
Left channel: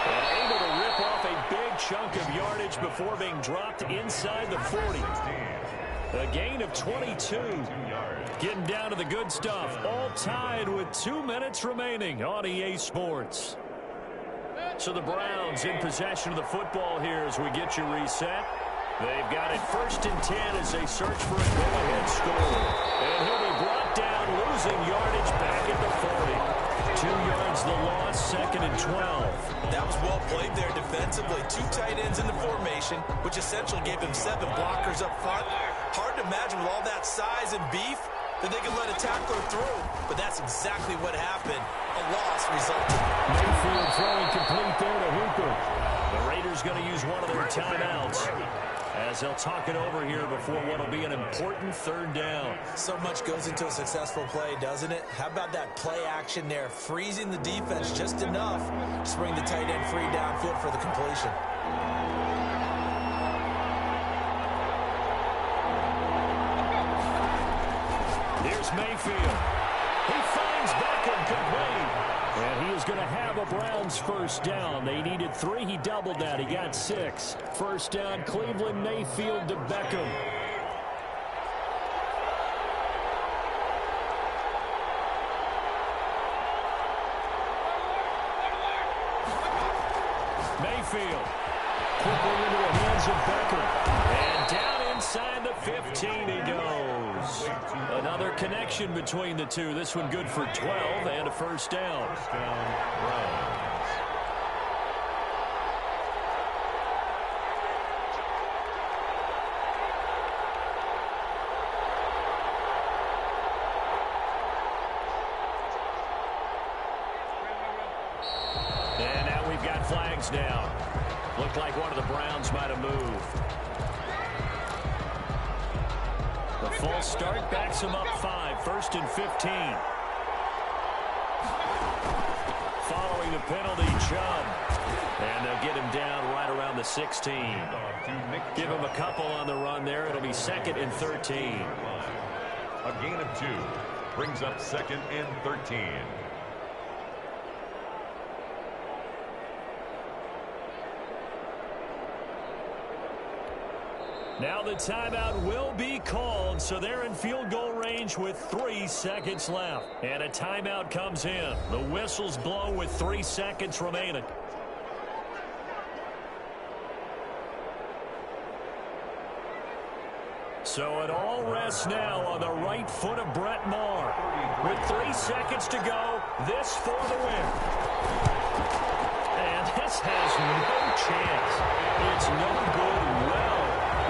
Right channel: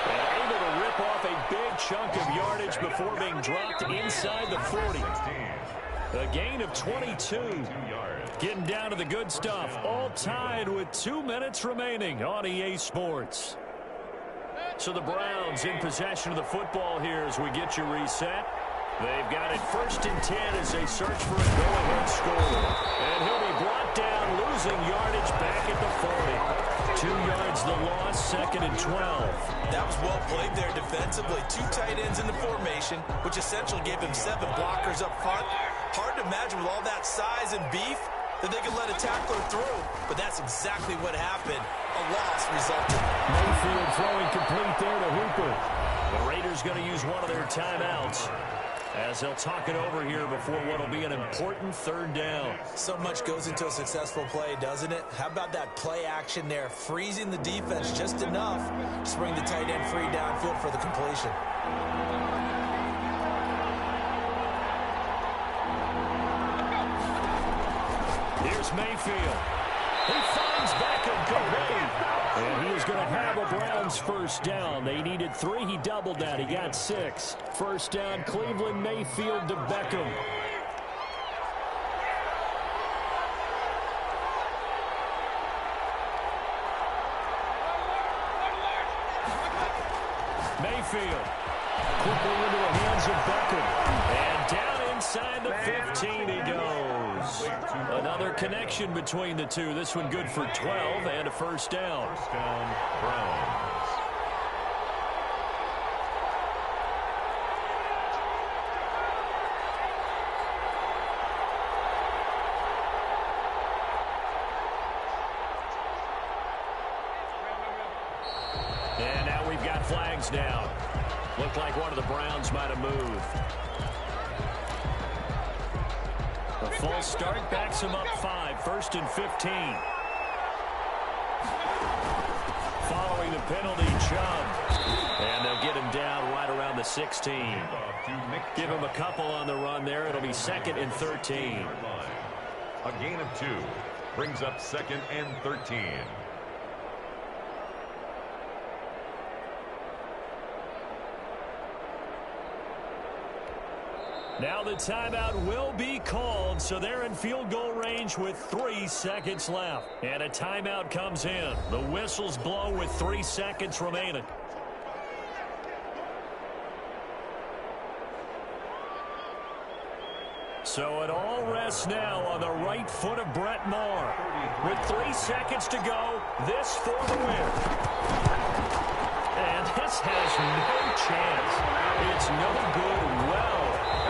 And able to rip off a big chunk of yardage before being dropped inside the 40. A gain of 22. Getting down to the good stuff. All tied with 2 minutes remaining on EA Sports. So the Browns in possession of the football here as we get you reset. They've got it 1st and 10 as they search for a go-ahead score. And he'll be brought down, losing yardage back at the 40. 2 yards the loss, 2nd and 12. That was well played there defensively. 2 tight ends in the formation, which essentially gave him 7 blockers up front. Hard to imagine with all that size and beef that they could let a tackler through. But that's exactly what happened. A loss resulted. Mayfield throwing complete there to Hooper. The Raiders going to use one of their timeouts as they'll talk it over here before what will be an important third down. So much goes into a successful play, doesn't it? How about that play action there, freezing the defense just enough to bring the tight end free downfield for the completion. Here's Mayfield. He finds Beckham complete. And he is going to have a Browns first down. They needed 3. He doubled that. He got 6. First down, Cleveland. Mayfield to Beckham. Mayfield quickly into the hands of Beckham. And down inside the 15 he goes. Another connection between the two. This one good for 12 and a first down. First down, Browns. And now we've got flags down. Looked like one of the Browns might have moved. The false start backs him up 5. 1st and 15. Following the penalty, Chubb. And they'll get him down right around the 16. Give him a couple on the run there. It'll be 2nd and 13. A gain of 2 brings up 2nd and 13. Now the timeout will be called, so they're in field goal range with 3 seconds left. And a timeout comes in. The whistles blow with 3 seconds remaining. So it all rests now on the right foot of Brett Maher. With 3 seconds to go, this for the win. And this has no chance. It's no good. Well,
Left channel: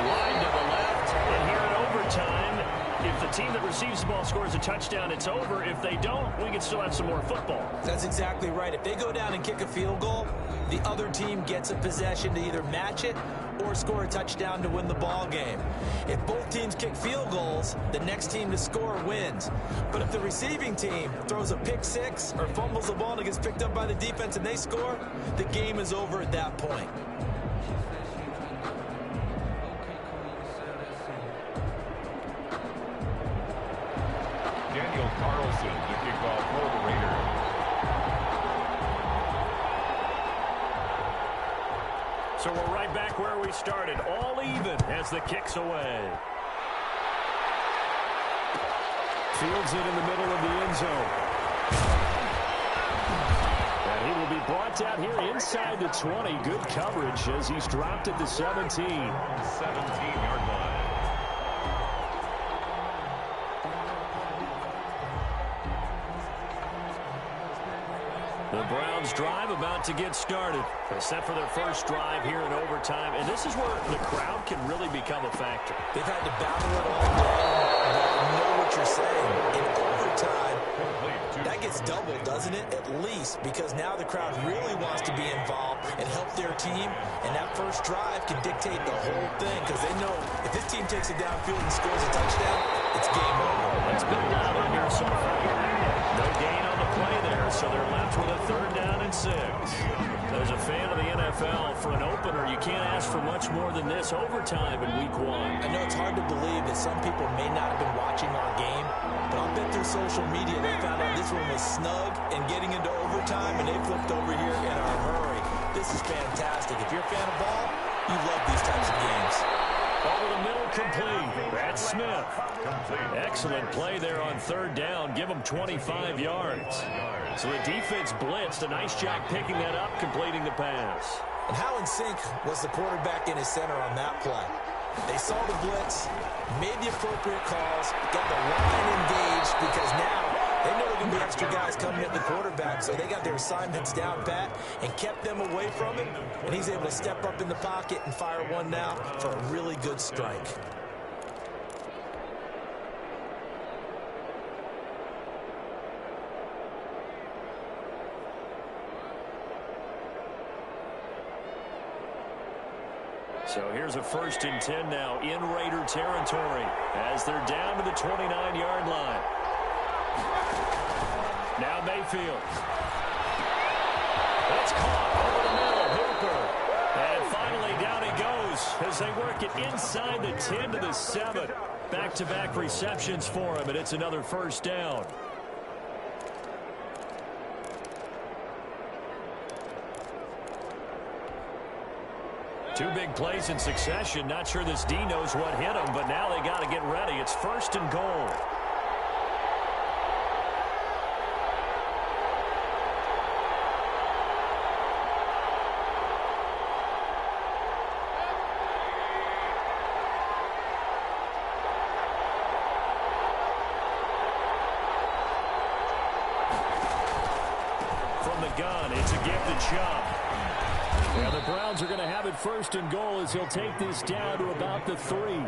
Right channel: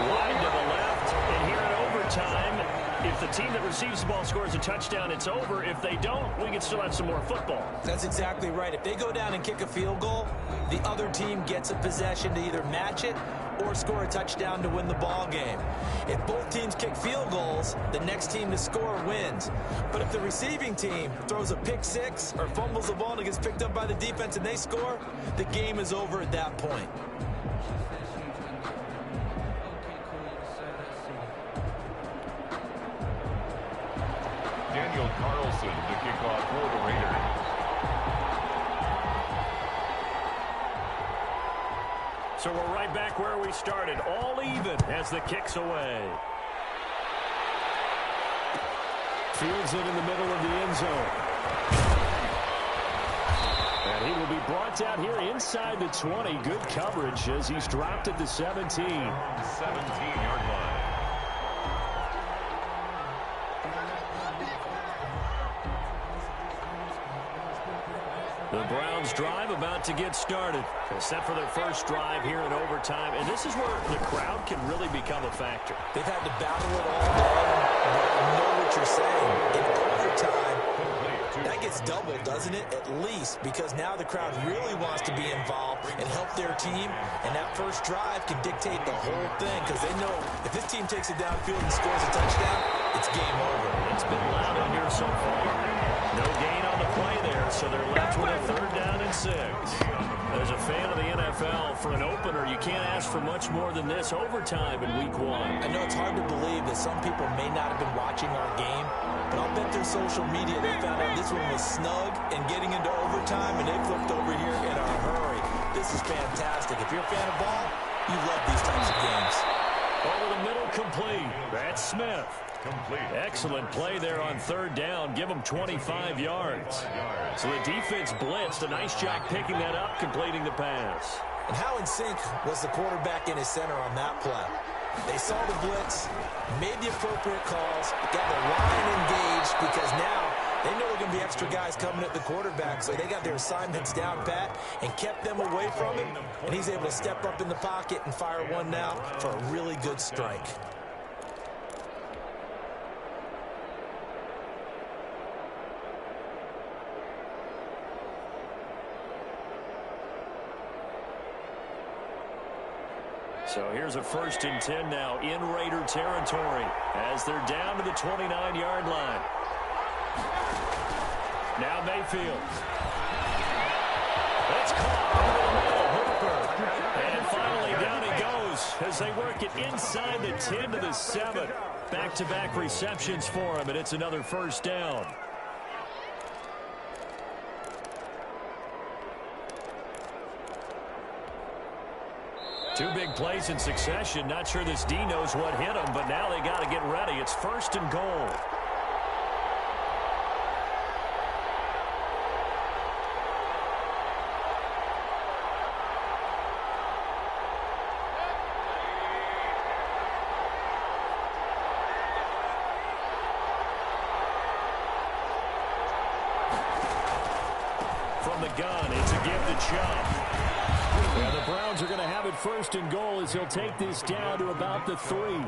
wide to the left, and here in overtime, if the team that receives the ball scores a touchdown, it's over. If they don't, we can still have some more football. That's exactly right. If they go down and kick a field goal, the other team gets a possession to either match it or score a touchdown to win the ball game. If both teams kick field goals, the next team to score wins. But if the receiving team throws a pick six or fumbles the ball and it gets picked up by the defense and they score, the game is over at that point. Daniel Carlson to kick off for the Raiders. So we're right back where we started, all even as the kick's away. Fields it in the middle of the end zone. And he will be brought out here inside the 20. Good coverage as he's dropped at the 17. 17-yard line. The Browns drive about to get started. Set for their first drive here in overtime. And this is where the crowd can really become a factor. They've had to battle it all day, but I know what you're saying. In overtime, that gets doubled, doesn't it? At least, because now the crowd really wants to be involved and help their team. And that first drive can dictate the whole thing because they know if this team takes it downfield and scores a touchdown, it's game over. It's been loud in here so far. No gain on the play there, so they're left with a 3rd down and 6. As a fan of the NFL, for an opener, you can't ask for much more than this overtime in Week 1. I know it's hard to believe that some people may not have been watching our game, but I'll bet through social media they found out this one was snug and getting into overtime, and they flipped over here in a hurry. This is fantastic. If you're a fan of ball, you love these types of games. Over the middle, complete. That's Smith. Complete. Excellent play there on 3rd down. Give them 25 yards. So the defense blitzed. A nice job picking that up, completing the pass. And how in sync was the quarterback in his center on that play? They saw the blitz, made the appropriate calls, got the line engaged because now they know there are going to be extra guys coming at the quarterback, so they got their assignments down pat and kept them away from him, and he's able to step up in the pocket and fire one now for a really good strike. So here's a 1st and 10 now in Raider territory as they're down to the 29-yard line. Now Mayfield. That's caught over the middle. Hooper. And finally down he goes as they work it inside the 10 to the 7. Back-to-back receptions for him, and it's another 1st down. Two big plays in succession. Not sure this D knows what hit him, but now they got to get ready. It's 1st and goal. From the gun, it's a give to Chubb. Yeah, the Browns are going to have it 1st and goal as he'll take this down to about the 3.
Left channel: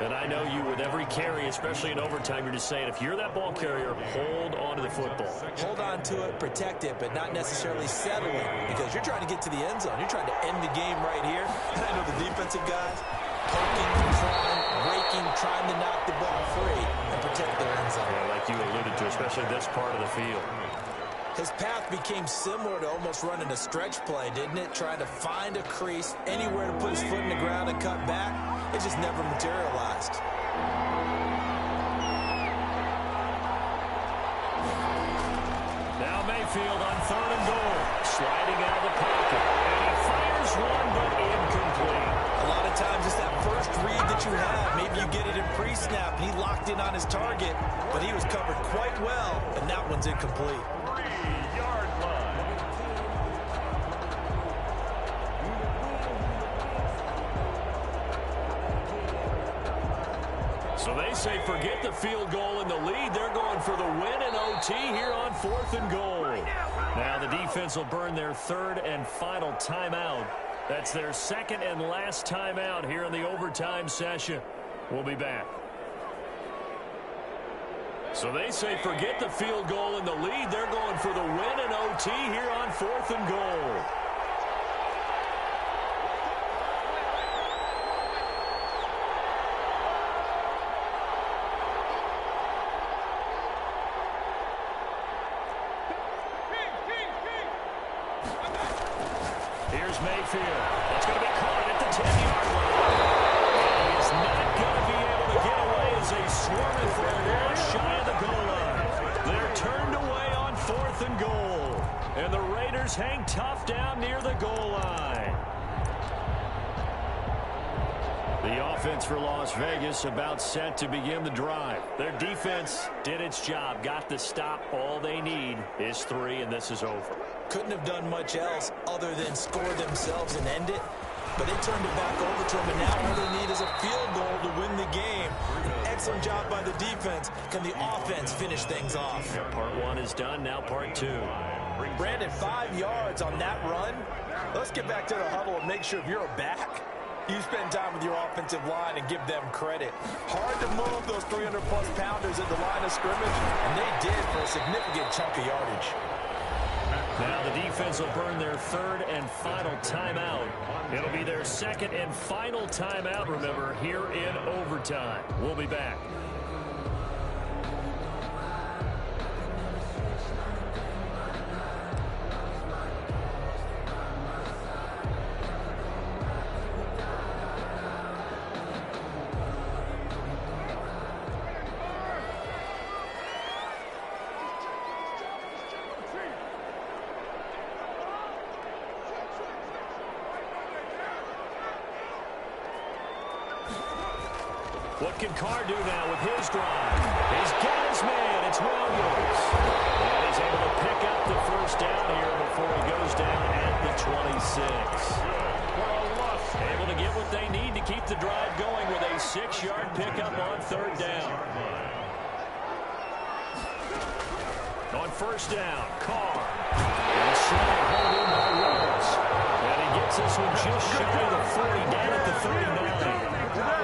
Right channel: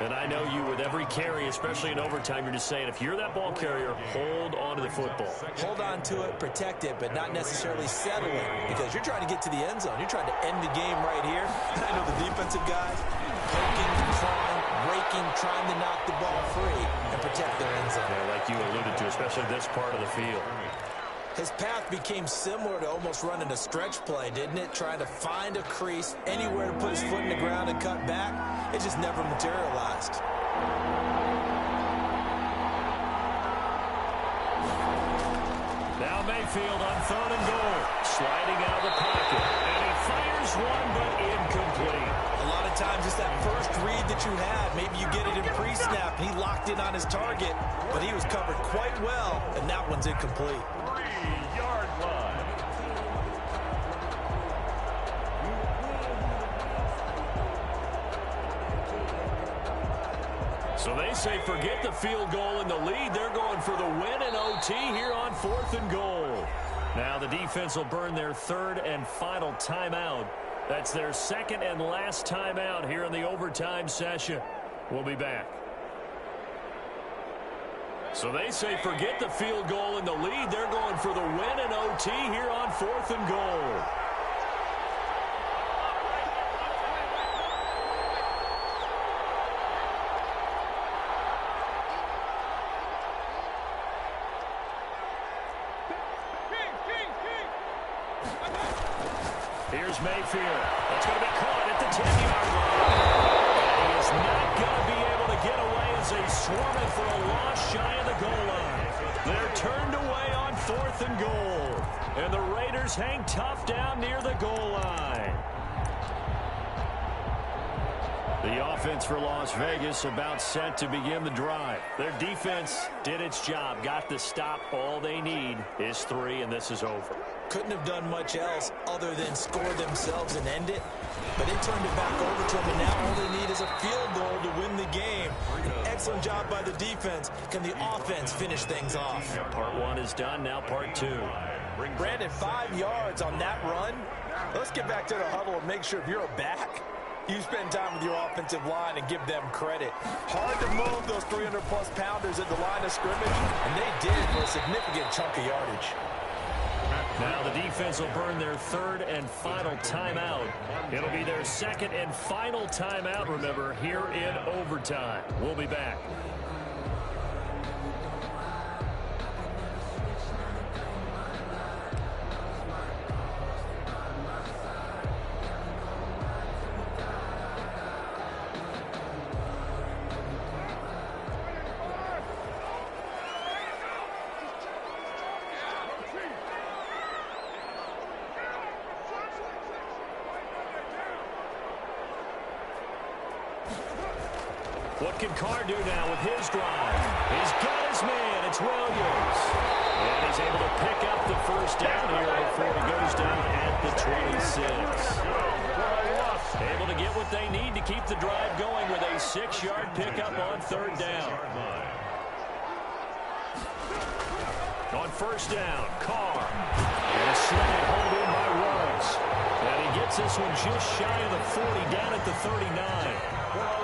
And I know you, with every carry, especially in overtime, you're just saying, if you're that ball carrier, hold on to the football. Hold on to it, protect it, but not necessarily settle it because you're trying to get to the end zone. You're trying to end the game right here. And I know the defensive guys poking, clawing, raking, trying to knock the ball free and protect their end zone. Yeah, like you alluded to, especially this part of the field. His path became similar to almost running a stretch play, didn't it? Trying to find a crease, anywhere to put his foot in the ground and cut back. It just never materialized. Now Mayfield on 3rd and goal. Sliding out of the pocket. And he fires one, but incomplete. A lot of times it's that first read that you have. Maybe you get it in pre-snap. He locked in on his target, but he was covered quite well, and that one's incomplete. 3-yard line. So they say forget the field goal in the lead. They're going for the win in OT here on 4th and goal. Now the defense will burn their 3rd and final timeout. That's their 2nd and last timeout here in the overtime session. We'll be back. So they say forget the field goal in the lead. They're going for the win in OT here on 4th and goal. Here's Mayfield. That's going to be caught at the 10-yard line. And he is not going to be able to get away as they swarm it for a loss shy of the goal line. They're turned away on 4th and goal. And the Raiders hang tough down near the goal line. The offense for Las Vegas about set to begin the drive. Their defense did its job, got the stop. All they need is 3, and this is over. Couldn't have done much else other than score themselves and end it. But they turned it back over to them, and now all they need is a field goal to win the game. An excellent job by the defense. Can the offense finish things off? Part 1 is done, now part 2. Brandon, 5 yards on that run. Let's get back to the huddle and make sure if you're a back, you spend time with your offensive line and give them credit. Hard to move those 300-plus pounders at the line of scrimmage, and they did for a significant chunk of yardage. Now the defense will burn their 3rd and final timeout. It'll be their 2nd and final timeout, remember, here in overtime. We'll be back. What can Carr do now with his drive? He's got his man. It's Williams. And he's able to pick up the first down here before he goes down at the 26. Able to get what they need to keep the drive going with a 6-yard pickup on 3rd down. On 1st down, Carr. And a slant hold in by Rhodes. And he gets this one just shy of the 40, down at the 39.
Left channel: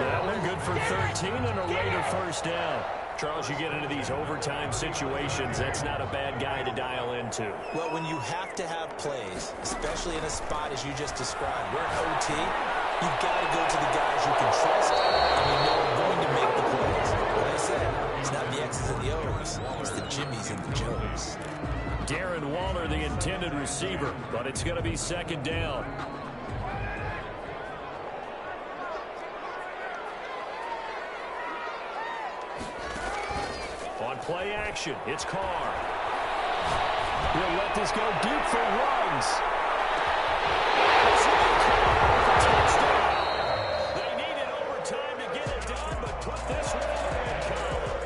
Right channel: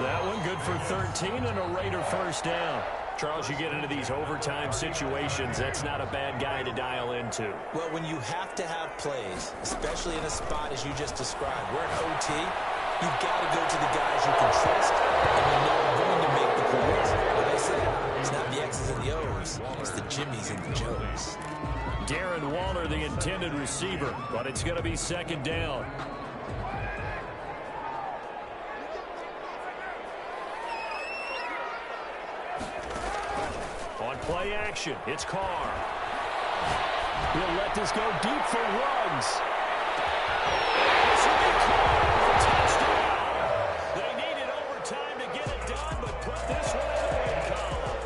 That one good for 13 and a Raider first down. Charles, you get into these overtime situations, that's not a bad guy to dial into. Well, when you have to have plays, especially in a spot as you just described, we're in OT, you've got to go to the guys you can trust and you know are going to make the plays. What I said, it's not the X's and the O's, it's the Jimmys and the Joes. Darren Waller, the intended receiver, but it's going to be 2nd down. On play action, it's Carr. He'll let this go deep for Ruggs. This will be Carr for touchdown. They needed overtime to get it done, but put this one in the win column.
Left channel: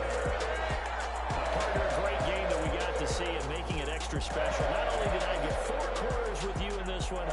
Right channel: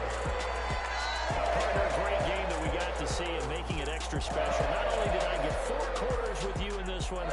Partner, a great game that we got to see and making it extra special. Not only did I get 4 quarters with you in this one,